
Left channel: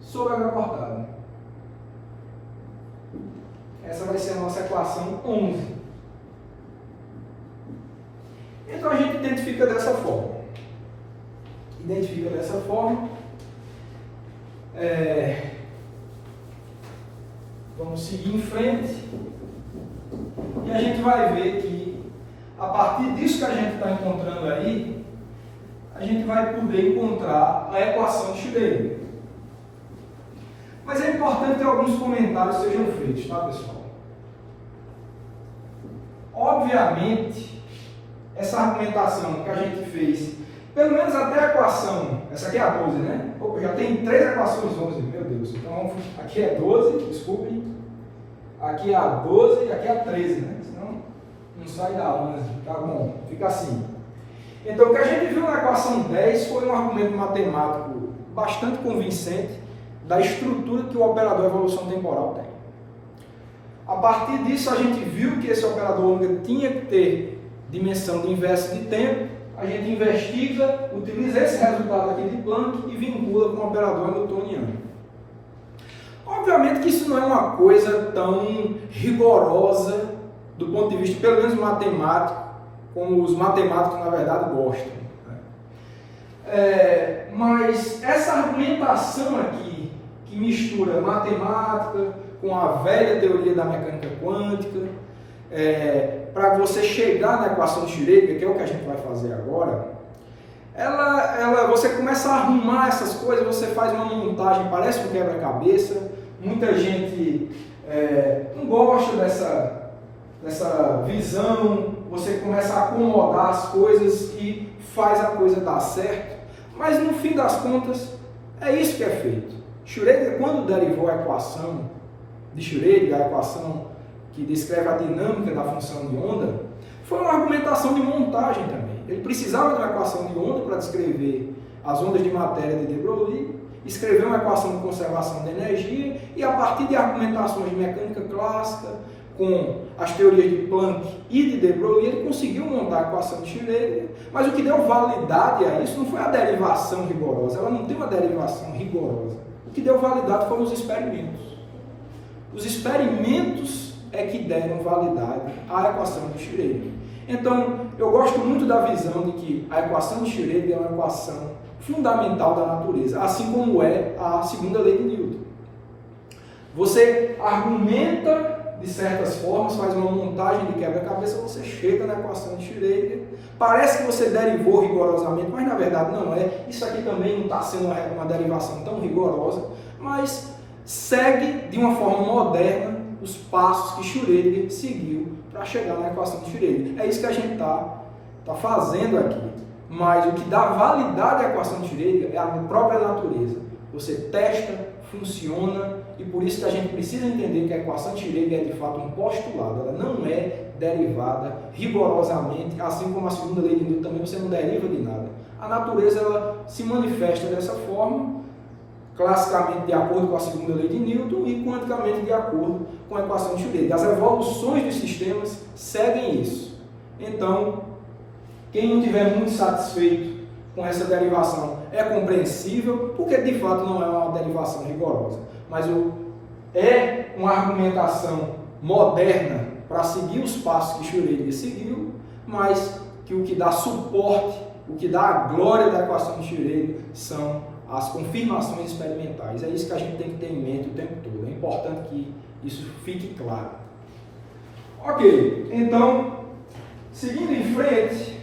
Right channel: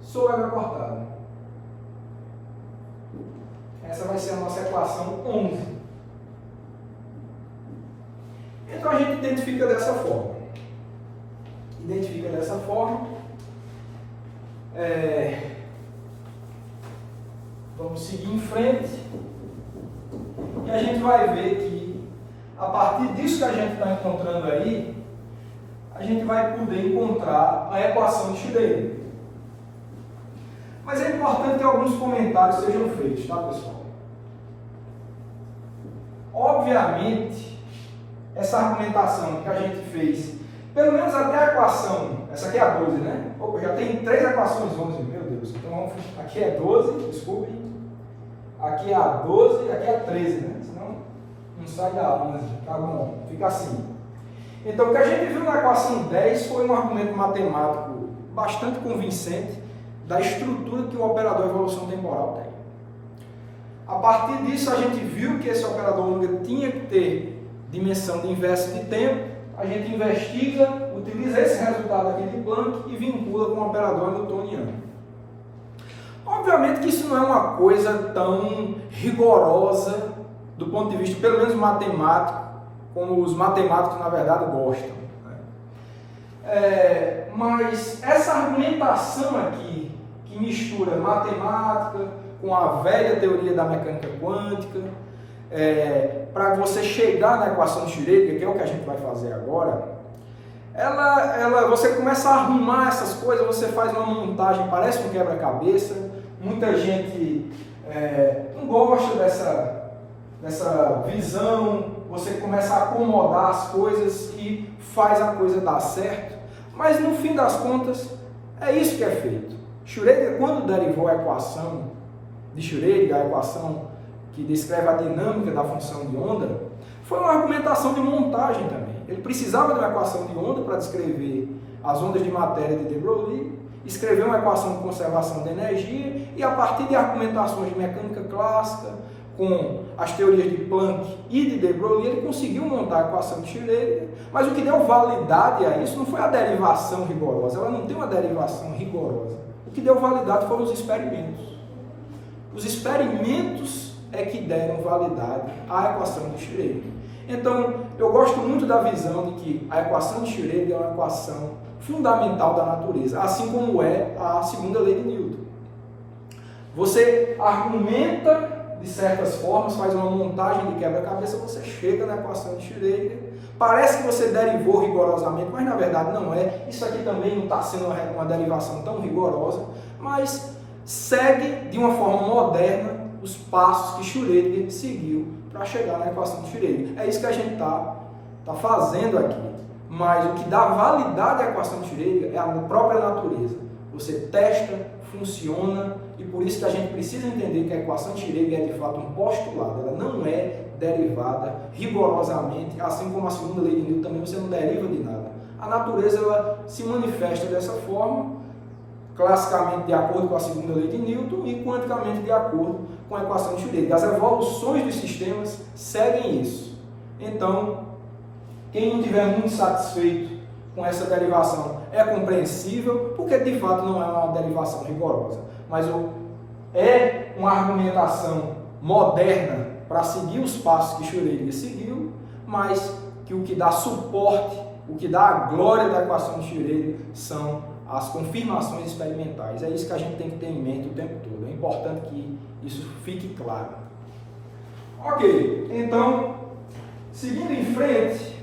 sobre h cortada. Essa vai ser a nossa equação 11. Então a gente identifica dessa forma. Vamos seguir em frente. E a gente vai ver que, a partir disso que a gente está encontrando aí, a gente vai poder encontrar a equação de Schrödinger. Mas é importante que alguns comentários sejam feitos, tá, pessoal? Obviamente, essa argumentação que a gente fez, pelo menos até a equação, essa aqui é a 12, né? Opa, já tem 3 equações 11, meu Deus. Então, aqui é 12, desculpe. Aqui é a 12 e aqui é a 13, né? Senão não sai da 11, tá bom? Fica assim. Então, o que a gente viu na equação 10 foi um argumento matemático bastante convincente da estrutura que o operador evolução temporal tem. A partir disso, a gente viu que esse operador ômega tinha que ter dimensão de inverso de tempo. A gente investiga, utiliza esse resultado aqui de Planck e vincula com o operador hamiltoniano. Obviamente que isso não é uma coisa tão rigorosa do ponto de vista, pelo menos matemático, como os matemáticos, na verdade, gostam. Mas essa argumentação aqui, que mistura matemática com a velha teoria da mecânica quântica, para você chegar na equação de Schrödinger, que é o que a gente vai fazer agora, você começa a arrumar essas coisas, você faz uma montagem, parece um quebra-cabeça. Muita gente não gosta dessa visão, você começa a acomodar as coisas e faz a coisa dar certo, mas no fim das contas é isso que é feito. Schrödinger, quando derivou a equação de Schrödinger, a equação que descreve a dinâmica da função de onda, foi uma argumentação de montagem também. Ele precisava de uma equação de onda para descrever as ondas de matéria de de Broglie, escreveu uma equação de conservação de energia e, a partir de argumentações de mecânica clássica, com as teorias de Planck e de de Broglie, ele conseguiu montar a equação de Schrödinger, mas o que deu validade a isso não foi a derivação rigorosa, ela não tem uma derivação rigorosa. O que deu validade foram os experimentos. Os experimentos é que deram validade à equação de Schrödinger. Então, eu gosto muito da visão de que a equação de Schrödinger é uma equação fundamental da natureza, assim como é a segunda lei de Newton. Você argumenta de certas formas, faz uma montagem de quebra-cabeça, você chega na equação de Schrödinger, parece que você derivou rigorosamente, mas na verdade não é. Isso aqui também não está sendo uma derivação tão rigorosa, mas segue de uma forma moderna os passos que Schrödinger seguiu para chegar na equação de Schrödinger. É isso que a gente está fazendo aqui. Mas o que dá validade à equação de Schrödinger é a própria natureza. Você testa, funciona, e por isso que a gente precisa entender que a equação de Schrödinger é de fato um postulado. Ela não é derivada rigorosamente, assim como a segunda lei de Newton também você não deriva de nada. A natureza ela se manifesta dessa forma, classicamente de acordo com a segunda lei de Newton e quanticamente de acordo com a equação de Schrödinger. As evoluções dos sistemas seguem isso. Então, quem não estiver muito satisfeito com essa derivação é compreensível, porque de fato não é uma derivação rigorosa, mas é uma argumentação moderna para seguir os passos que Schrödinger seguiu, mas que o que dá suporte, o que dá a glória da equação de Schrödinger são as confirmações experimentais. É isso que a gente tem que ter em mente o tempo todo. É importante que isso fique claro. Ok, então, seguindo em frente,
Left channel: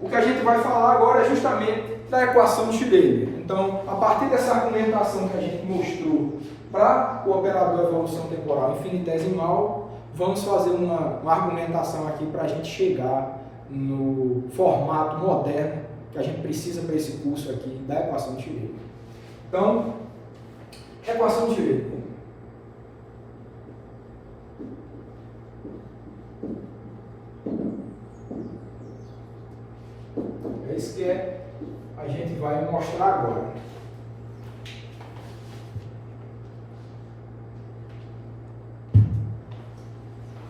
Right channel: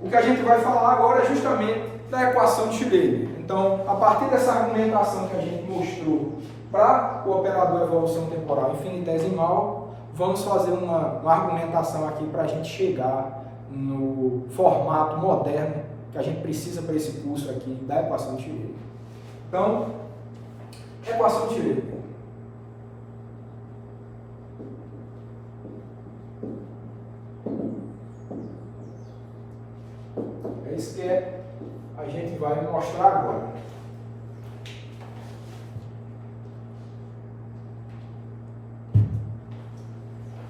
o que a gente vai falar agora é justamente da equação de Schrödinger. Então, a partir dessa argumentação que a gente mostrou Para o operador evolução temporal infinitesimal, vamos fazer uma argumentação aqui para a gente chegar no formato moderno que a gente precisa para esse curso aqui da equação de Schrödinger. Então, equação de Schrödinger. É isso que a gente vai mostrar agora.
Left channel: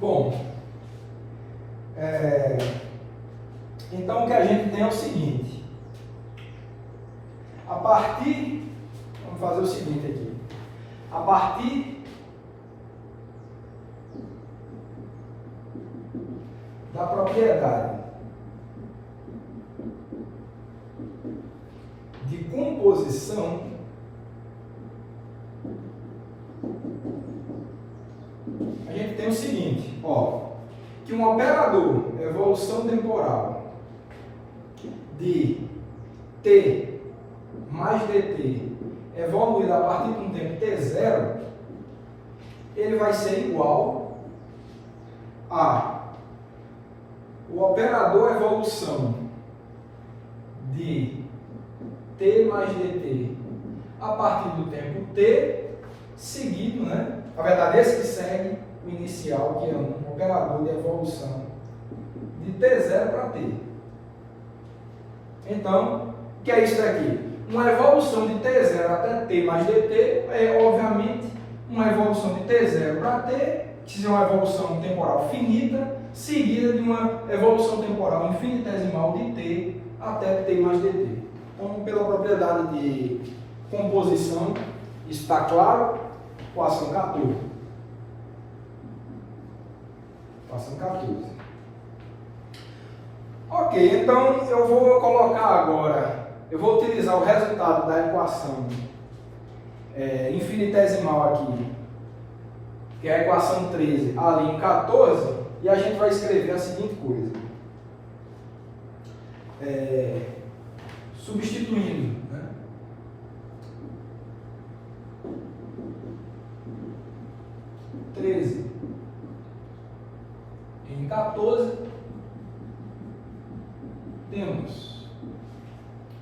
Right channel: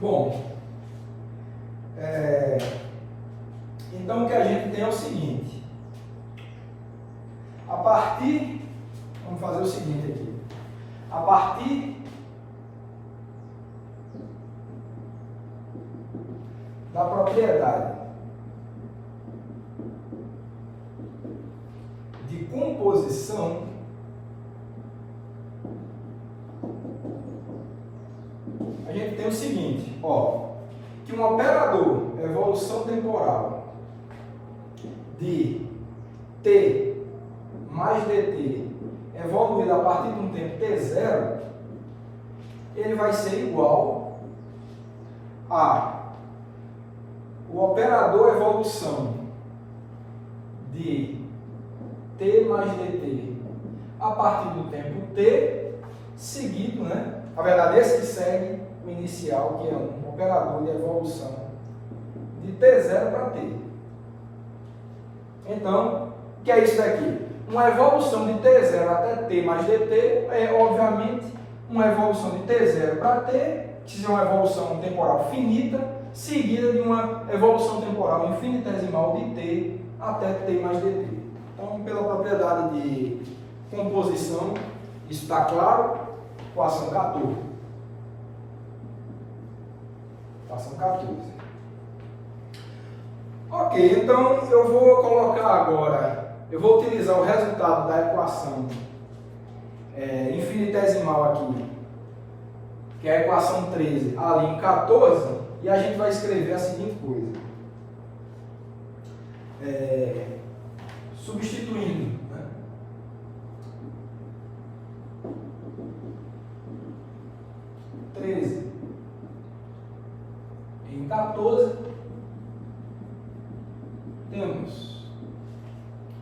Bom, então o que a gente tem é o seguinte. Vamos fazer o seguinte aqui. A partir da propriedade de composição, a gente tem o seguinte, que um operador evolução temporal de t mais dt evoluído a partir de um tempo t0, ele vai ser igual a o operador evolução de t mais dt a partir do tempo t, seguido, né? Na verdade, esse que segue o inicial, que é um operador de evolução de t0 para t. Então, o que é isso daqui? Uma evolução de t0 até t mais dt é, obviamente, uma evolução de t0 para t, que é uma evolução temporal finita, seguida de uma evolução temporal infinitesimal de t até t mais dt. Então, pela propriedade de composição, isso está claro? Equação 14. Equação 14. Ok, então eu vou colocar agora, eu vou utilizar o resultado da equação infinitesimal aqui, que é a equação 13, ali em 14, e a gente vai escrever a seguinte coisa. Substituindo, né? Em 14 temos,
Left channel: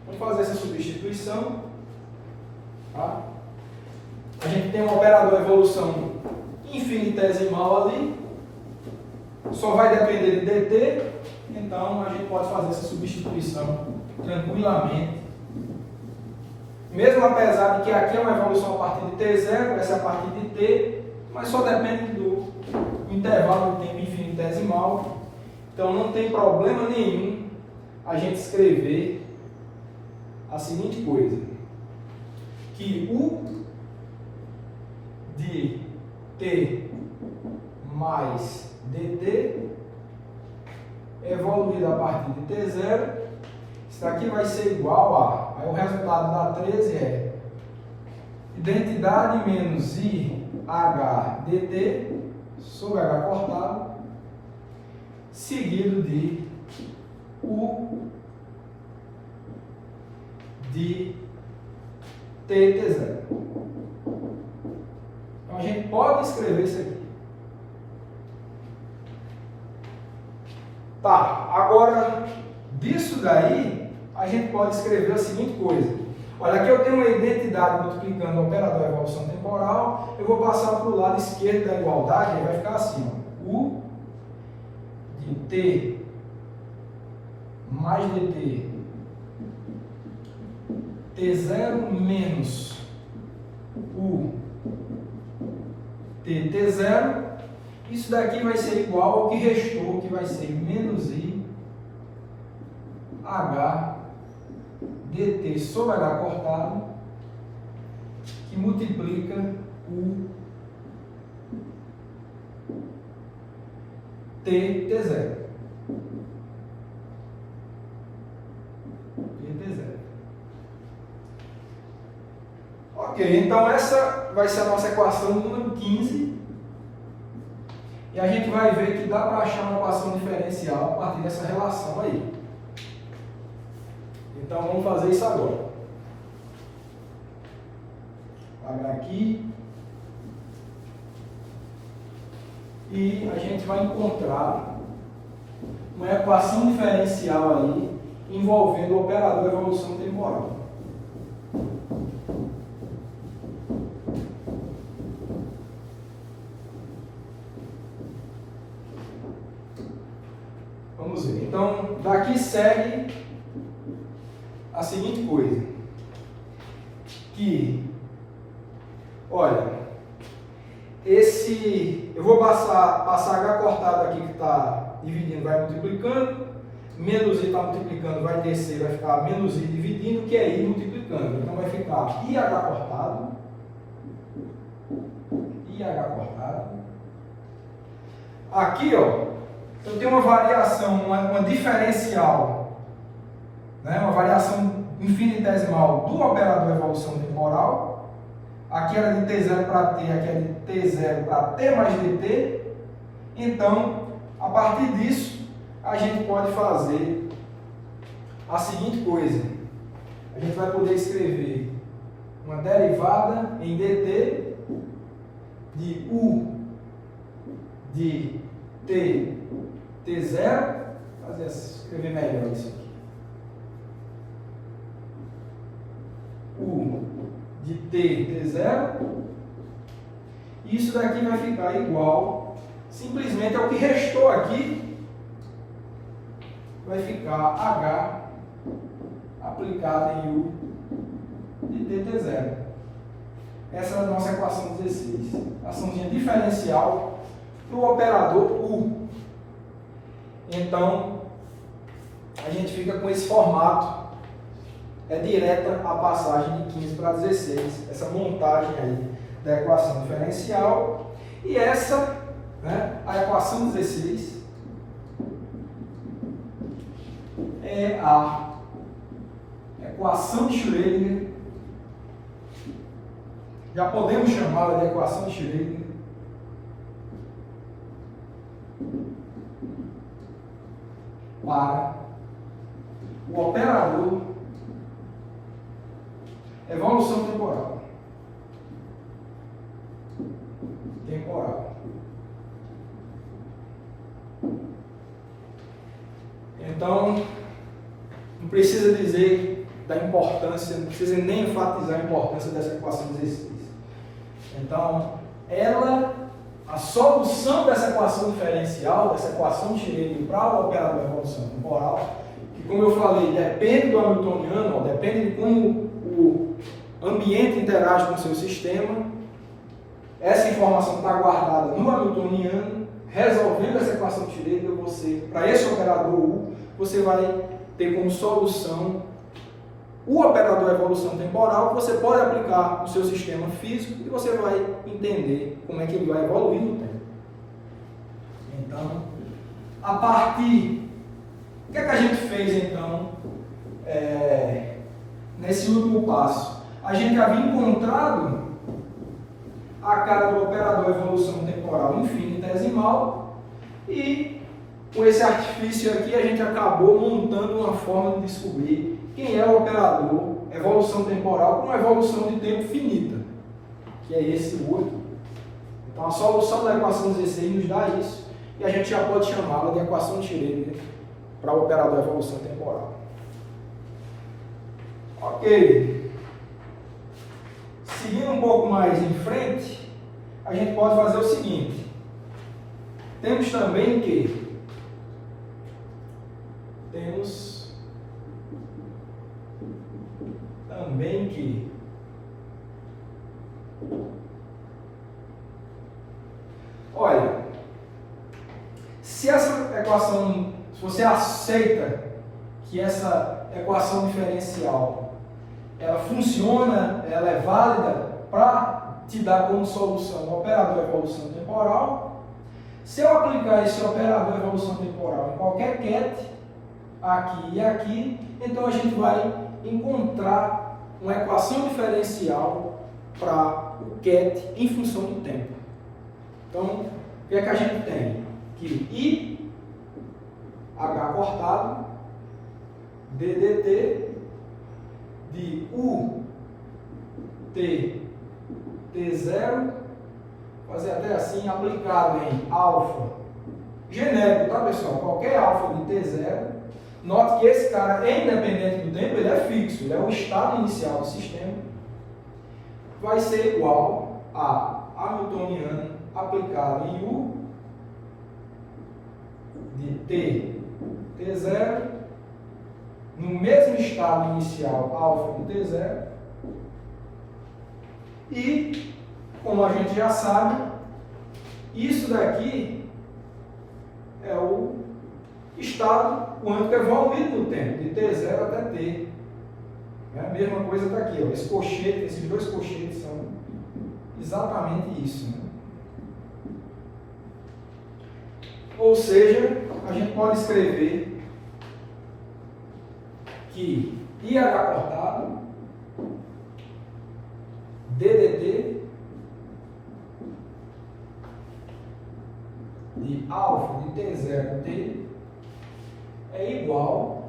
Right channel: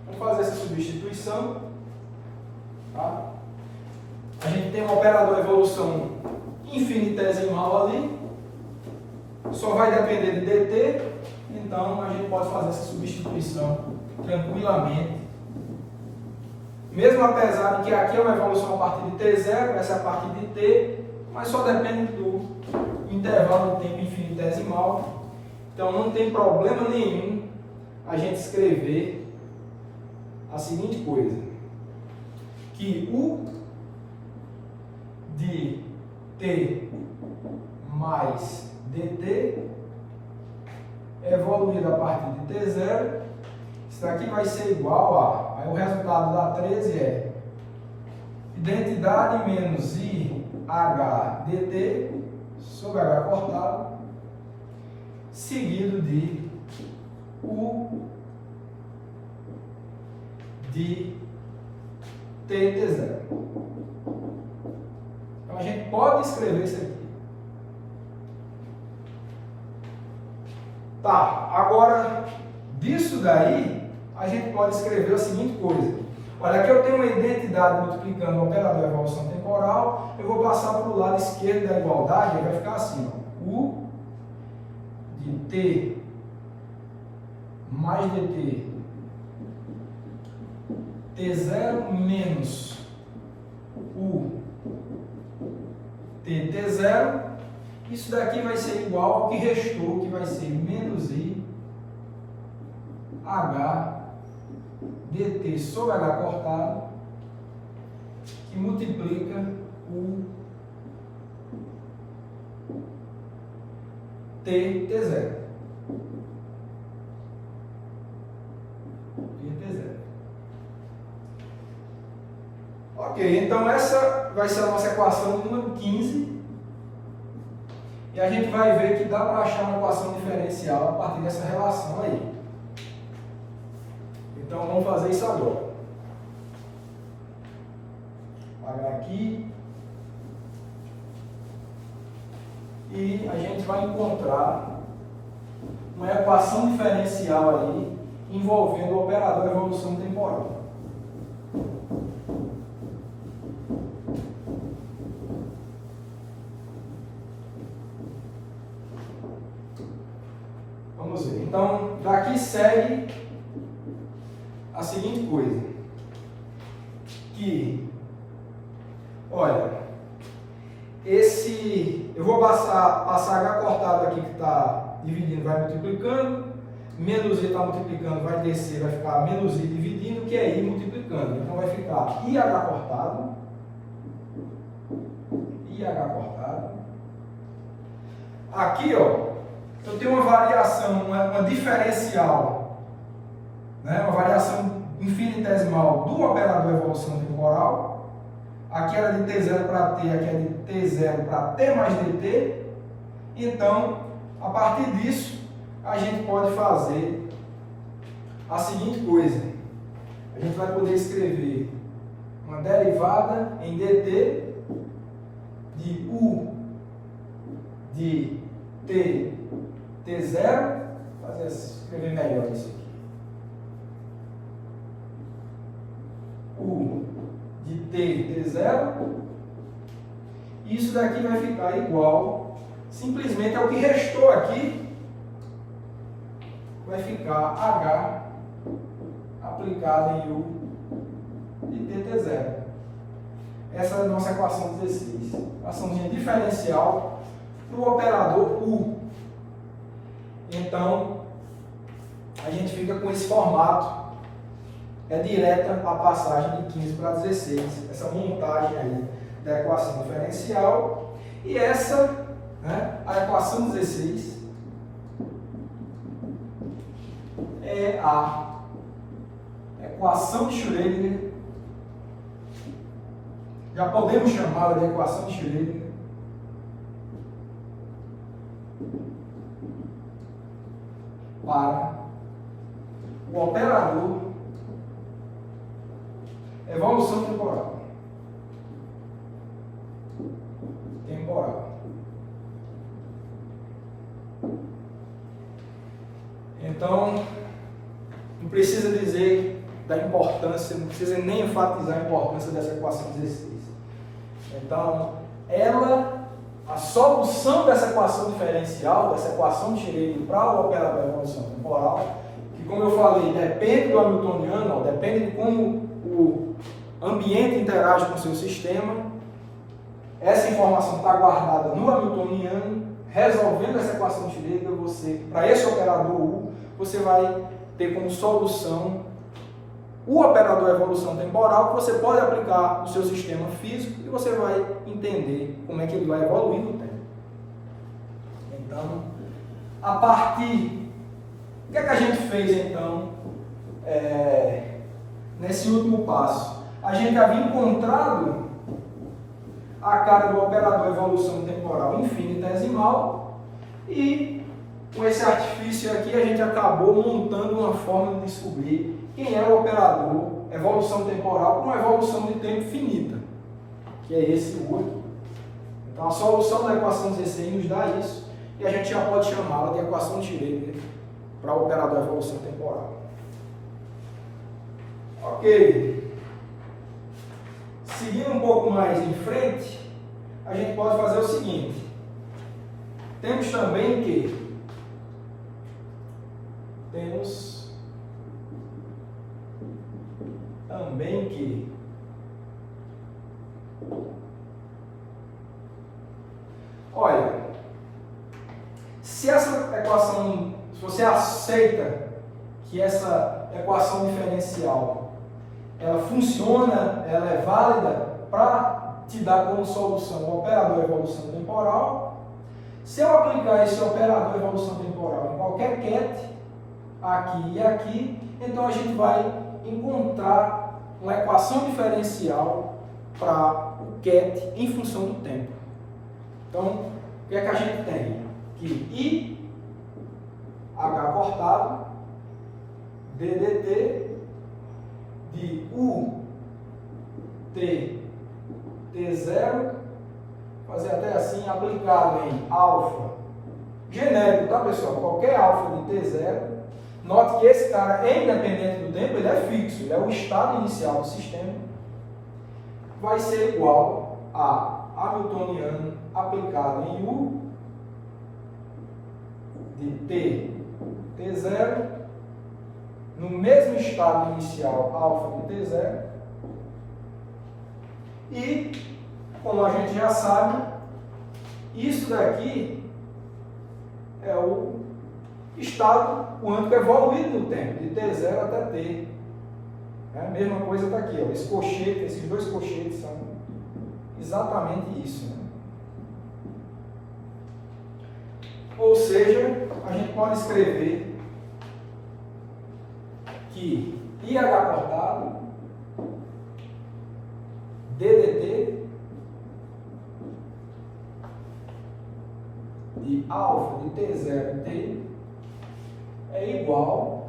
vamos fazer essa substituição, tá? A gente tem um operador evolução infinitesimal ali, só vai depender de dt, então a gente pode fazer essa substituição tranquilamente, mesmo apesar de que aqui é uma evolução a partir de t0, essa é a partir de t, mas só depende do intervalo do tempo infinitesimal, então não tem problema nenhum a gente escrever a seguinte coisa, que u de t mais dt evoluído a partir de t0, isso aqui vai ser igual a, aí o resultado da 13 é identidade menos i h dt sobre h cortado, seguido de u de t0. Então a gente pode escrever isso aqui. Tá, agora disso daí a gente pode escrever a seguinte coisa. Olha, aqui eu tenho uma identidade multiplicando o operador de evolução temporal, eu vou passar para o lado esquerdo da igualdade e vai ficar assim, ó, u de t mais dt t0 menos u de t0, isso daqui vai ser igual ao que restou, que vai ser menos i h dt sobre h cortado, que multiplica o t0. Ok, então essa vai ser a nossa equação número 15. E a gente vai ver que dá para achar uma equação diferencial a partir dessa relação aí. Então vamos fazer isso agora. Apagar aqui. e a gente vai encontrar uma equação diferencial aí envolvendo o operador evolução temporal. Vamos ver. Então, daqui segue a seguinte coisa. Que, olha, eu vou passar H cortado aqui que está dividindo, vai multiplicando, menos I está multiplicando, vai descer, vai ficar menos I dividindo, que é I multiplicando. Então vai ficar IH cortado, aqui, ó, eu tenho uma variação, uma diferencial, né, uma variação infinitesimal do operador evolução temporal. Aqui era de T0 para T, aqui é de T0 para T mais dt. Então, a partir disso, a gente pode fazer a seguinte coisa. A gente vai poder escrever uma derivada em dt de U de T0. Escrever melhor isso aqui. U de T0. E isso daqui vai ficar igual, simplesmente ao que restou aqui, vai ficar H aplicado em U de T0. Essa é a nossa equação 16. Equaçãozinha diferencial do operador U. Então, a gente fica com esse formato. É direta a passagem de 15 para 16. Essa montagem aí da equação diferencial. E essa, né, a equação 16, é a equação de Schrödinger. Já podemos chamá-la de equação de Schrödinger para o operador evolução temporal. Então, não precisa dizer da importância, não precisa nem enfatizar a importância dessa equação 16. Então, a solução dessa equação diferencial, dessa equação de Schrödinger para o operador de evolução temporal, que, como eu falei, depende do hamiltoniano, depende de como o ambiente interage com o seu sistema. Essa informação está guardada no hamiltoniano. Resolvendo essa equação de Schrödinger, para esse operador U, você vai ter como solução o operador evolução temporal, que você pode aplicar no seu sistema físico e você vai entender como é que ele vai evoluir no tempo. Então, a partir... O que é que a gente fez, então, nesse último passo? A gente havia encontrado a cara do operador evolução temporal infinitesimal e, com esse artifício aqui, a gente acabou montando uma forma de descobrir quem é o operador evolução temporal com evolução de tempo finita, que é esse o outro. Então, a solução da equação 16 nos dá isso, e a gente já pode chamá-la de equação de Schrödinger para o operador evolução temporal. Ok. Seguindo um pouco mais em frente, a gente pode fazer o seguinte. Temos também que olha, se essa equação, se você aceita que essa equação diferencial ela funciona, ela é válida para te dar como solução o operador evolução temporal, se eu aplicar esse operador evolução temporal em qualquer ket, aqui e aqui, então a gente vai encontrar uma equação diferencial para o ket em função do tempo. Então, o que é que a gente tem? Que I, H cortado, ddt de U, T, T0, fazer até assim, aplicado em alfa, genérico, tá pessoal? Qualquer alfa de T0, note que esse cara, independente do tempo, ele é fixo, ele é o estado inicial do sistema, vai ser igual a hamiltoniano aplicado em U de T0, no mesmo estado inicial alfa de T0, e, como a gente já sabe, isso daqui é o estado quântico evoluído no tempo, de T0 até T. A mesma coisa está aqui, ó. Esse colchete, esses dois colchetes são exatamente isso. Né? Ou seja, a gente pode escrever que IH cortado DDT de alfa de T0 T é igual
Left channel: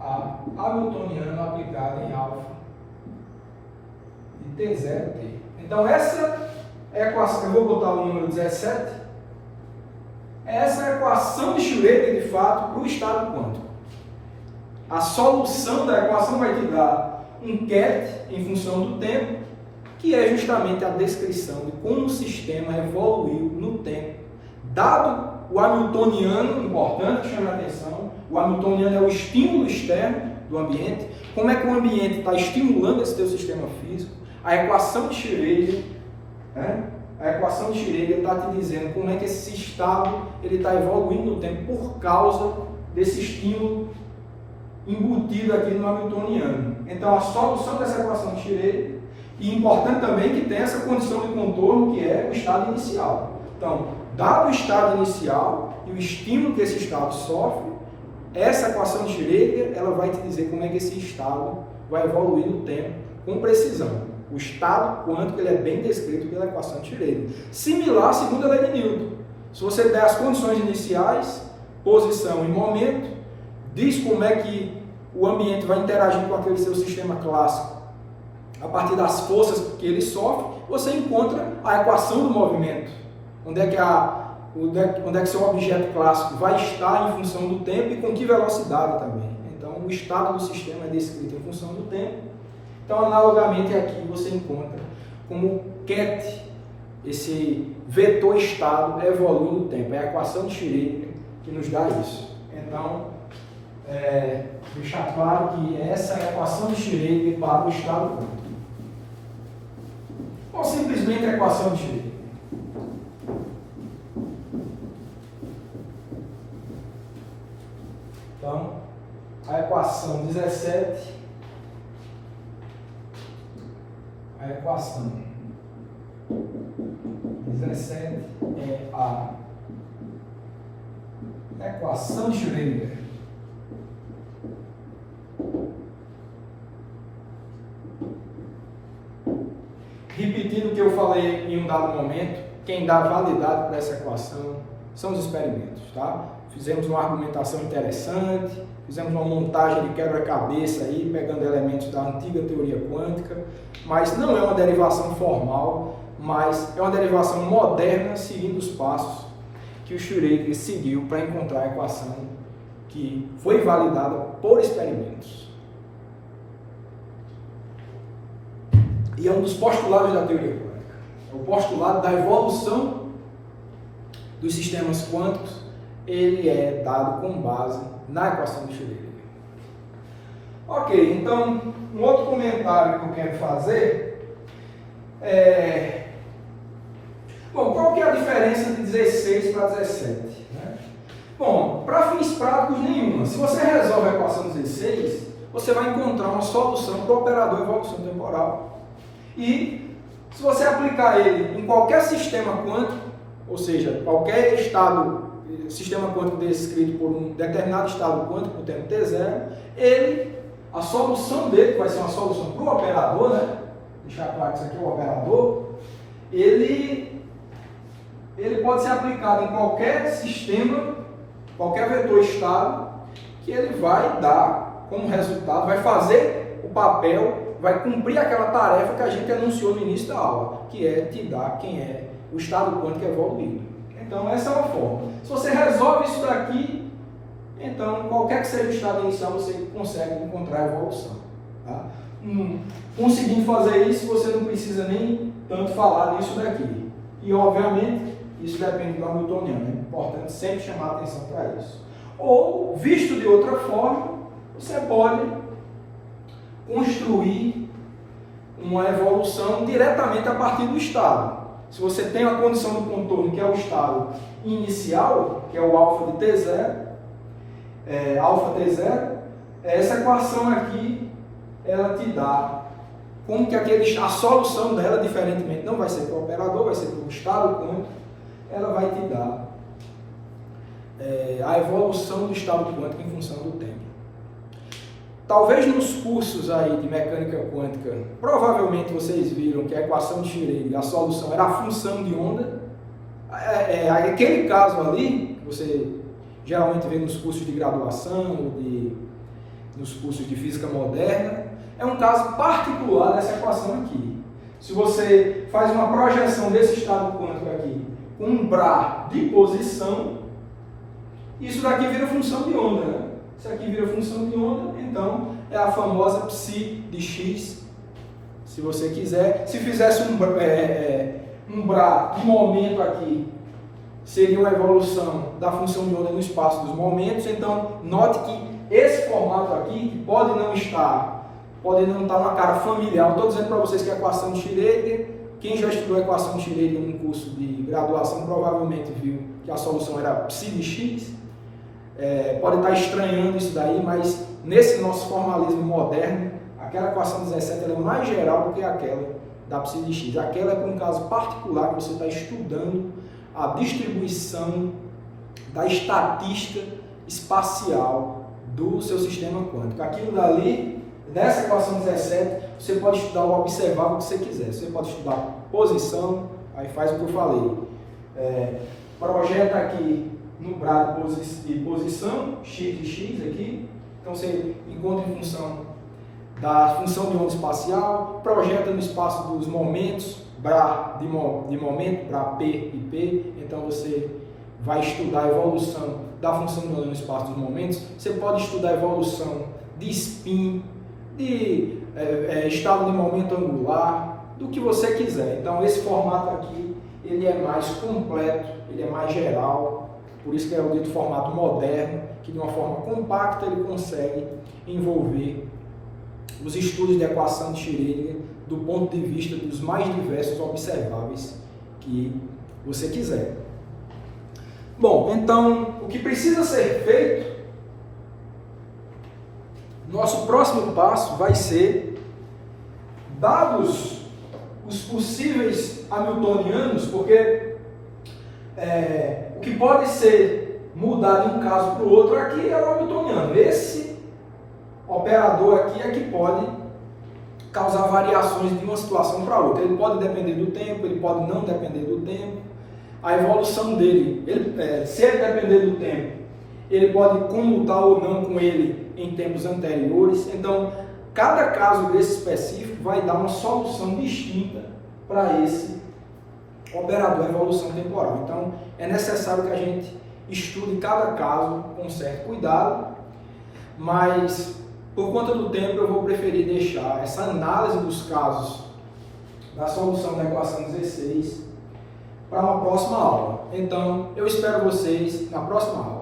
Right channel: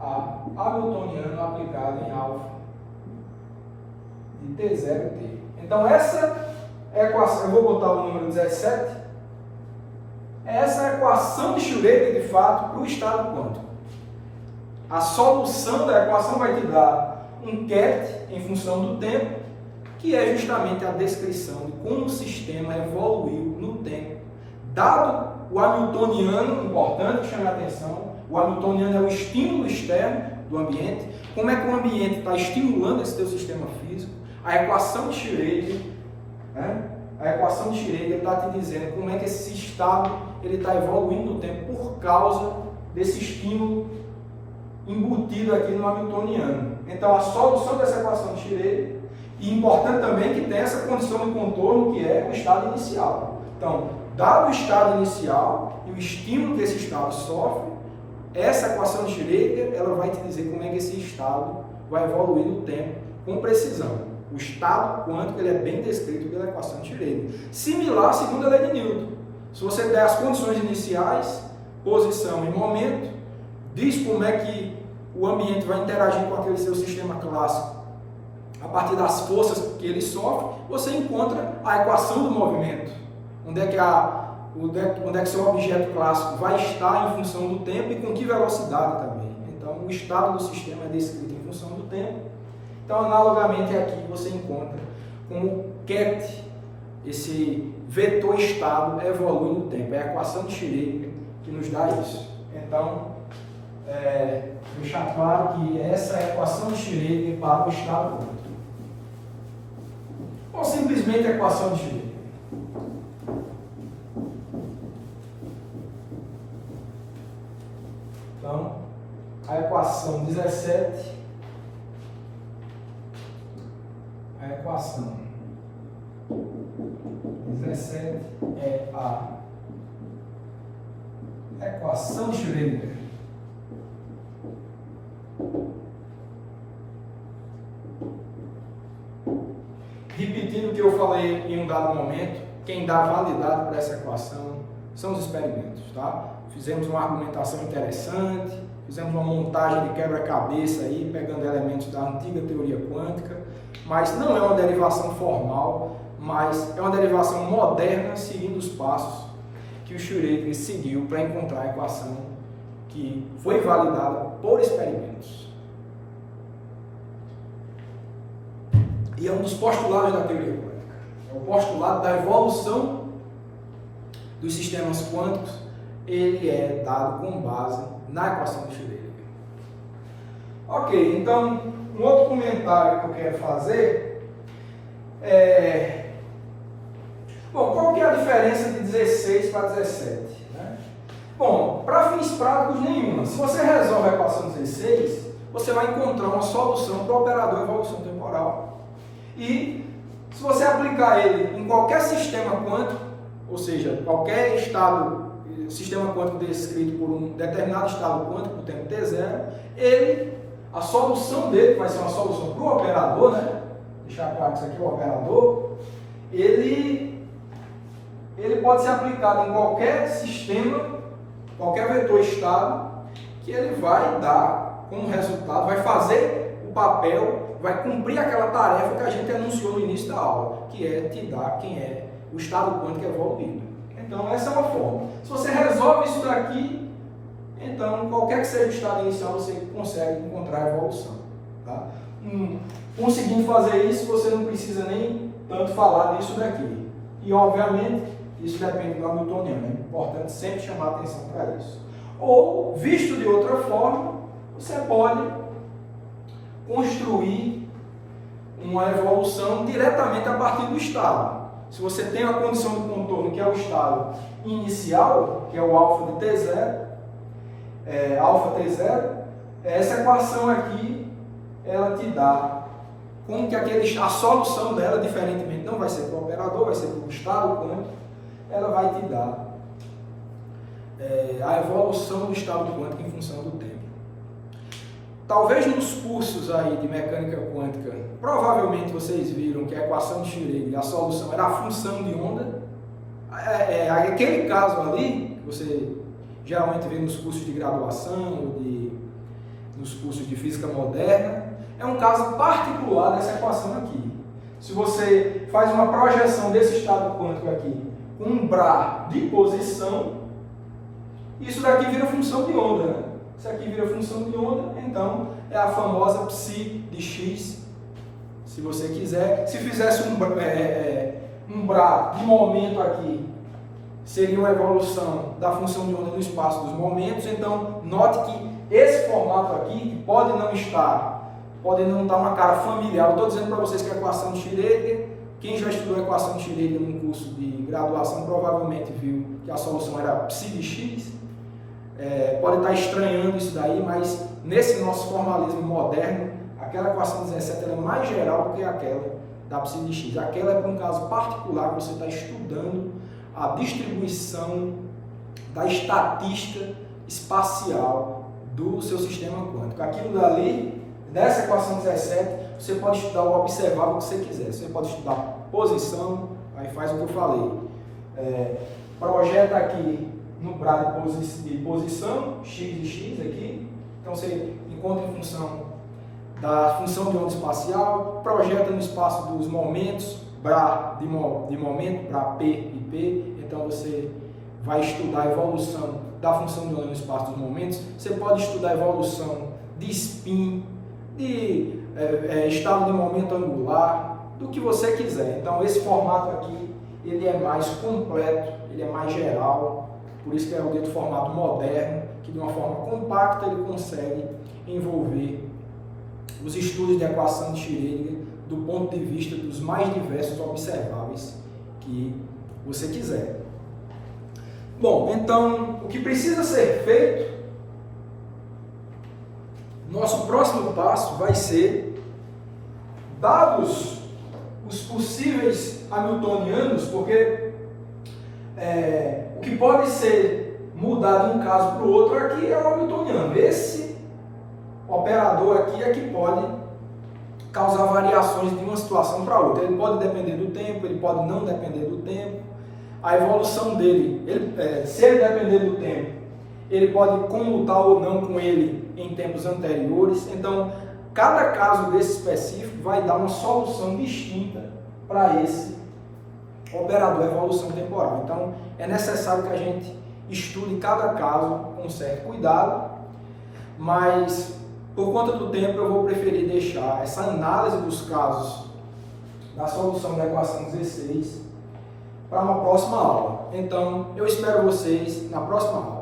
a hamiltoniano aplicado em alfa de T0 T. Então essa é a equação, eu vou botar o número 17, essa é a equação de Schrödinger de fato para o estado quântico. A solução da equação vai te dar um ket em função do tempo, que é justamente a descrição de como o sistema evoluiu no tempo. Dado o hamiltoniano, importante que chame a atenção, o hamiltoniano é o estímulo externo do ambiente, como é que o ambiente está estimulando esse teu sistema físico, a equação de Schrödinger, né? A equação de Schrödinger está te dizendo como é que esse estado está evoluindo no tempo por causa desse estímulo embutido aqui no hamiltoniano. Então, a solução dessa equação de Schrödinger, e importante também que tem essa condição de contorno que é o estado inicial. Então, dado o estado inicial e o estímulo que esse estado sofre, essa equação de Schrödinger, ela vai te dizer como é que esse estado vai evoluir no tempo com precisão. O estado quântico ele é bem descrito pela equação de Schrödinger. Similar à segunda lei de Newton. Se você der as condições iniciais, posição e momento, diz como é que o ambiente vai interagir com aquele seu sistema clássico. A partir das forças que ele sofre, você encontra a equação do movimento. Onde é que seu objeto clássico vai estar em função do tempo e com que velocidade também. Então, o estado do sistema é descrito em função do tempo. Então, analogamente aqui, você encontra como o ket, esse vetor estado, evolui no tempo. É a equação de Schrödinger que nos dá isso. Então, deixar claro que essa é a equação de Schrödinger para o estado quântico. Ou simplesmente a equação de Schrödinger. Então, a equação 17, a equação 17 é a equação de Schrödinger. Repetindo o que eu falei em um dado momento, quem dá validade para essa equação são os experimentos, tá? Fizemos uma argumentação interessante, fizemos uma montagem de quebra-cabeça aí, pegando elementos da antiga teoria quântica, mas não é uma derivação formal, mas é uma derivação moderna, seguindo os passos que o Schrödinger seguiu para encontrar a equação que foi validada por experimentos. E é um dos postulados da teoria quântica. É o postulado da evolução dos sistemas quânticos. Ele é dado com base na equação de Schrödinger. Ok, então, um outro comentário que eu quero fazer é... Bom, qual que é a diferença de 16 para 17? Né? Bom, para fins práticos, nenhuma. Se você resolve a equação 16, você vai encontrar uma solução para o operador evolução temporal. E se você aplicar ele em qualquer sistema quântico, ou seja, qualquer sistema quântico descrito por um determinado estado quântico, por tempo T0, a solução dele, que vai ser uma solução para o operador, né? Deixar claro que isso aqui é o operador, ele pode ser aplicado em qualquer sistema, qualquer vetor estado, que ele vai dar como resultado, vai fazer o papel vai cumprir aquela tarefa que a gente anunciou no início da aula, que é te dar quem é o estado quântico evoluído. Então, essa é uma forma. Se você resolve isso daqui, então, qualquer que seja o estado inicial, você consegue encontrar a evolução. Tá? Conseguindo fazer isso, você não precisa nem tanto falar disso daqui. E, obviamente, isso depende do hamiltoniano. É importante sempre chamar a atenção para isso. Ou, visto de outra forma, você pode construir uma evolução diretamente a partir do estado. Se você tem a condição do contorno, que é o estado inicial, que é o alfa de T0, alfa T0, essa equação aqui, ela te dá como que a solução dela, diferentemente, não vai ser para o operador, vai ser para o estado quântico, ela vai te dar a evolução do estado quântico em função do tempo. Talvez nos cursos aí de mecânica quântica, provavelmente vocês viram que a equação de Schrödinger, a solução era a função de onda. Aquele caso ali, que você geralmente vê nos cursos de graduação ou nos cursos de física moderna, é um caso particular dessa equação aqui. Se você faz uma projeção desse estado quântico aqui com um brá de posição, isso daqui vira função de onda, né? Isso aqui vira função de onda, então é a famosa psi de x, se você quiser. Se fizesse um brá de momento aqui, seria uma evolução da função de onda no espaço dos momentos. Então, note que esse formato aqui, que pode não estar uma cara familiar. Estou dizendo para vocês que a equação de Schrödinger, quem já estudou a equação de Schrödinger num curso de graduação, provavelmente viu que a solução era psi de x. Pode estar estranhando isso daí, mas nesse nosso formalismo moderno, aquela equação 17 ela é mais geral do que aquela da psi de x. Aquela é para um caso particular que você está estudando a distribuição da estatística espacial do seu sistema quântico. Aquilo dali, dessa equação 17, você pode estudar o observável que você quiser. Você pode estudar posição, aí faz o que eu falei. Projeta aqui no brá de posição, x de x aqui. Então você encontra em função da função de onda espacial, projeta no espaço dos momentos, brá de momento, brá P e P. Então você vai estudar a evolução da função de onda no espaço dos momentos. Você pode estudar a evolução de spin, de estado de momento angular, do que você quiser. Então esse formato aqui, ele é mais completo, ele é mais geral. Por isso que é o dito formato moderno, que de uma forma compacta ele consegue envolver os estudos de equação de Schrödinger do ponto de vista dos mais diversos observáveis que você quiser. Bom, então, o que precisa ser feito, nosso próximo passo vai ser, dados os possíveis hamiltonianos, porque o que pode ser mudado de um caso para o outro aqui é o hamiltoniano. Esse operador aqui é que pode causar variações de uma situação para outra. Ele pode depender do tempo, ele pode não depender do tempo. A evolução dele, se ele depender do tempo, ele pode comutar ou não com ele em tempos anteriores. Então, cada caso desse específico vai dar uma solução distinta para esse operador evolução temporal. Então, é necessário que a gente estude cada caso com certo cuidado, mas por conta do tempo eu vou preferir deixar essa análise dos casos da solução da equação 16 para uma próxima aula. Então, eu espero vocês na próxima aula.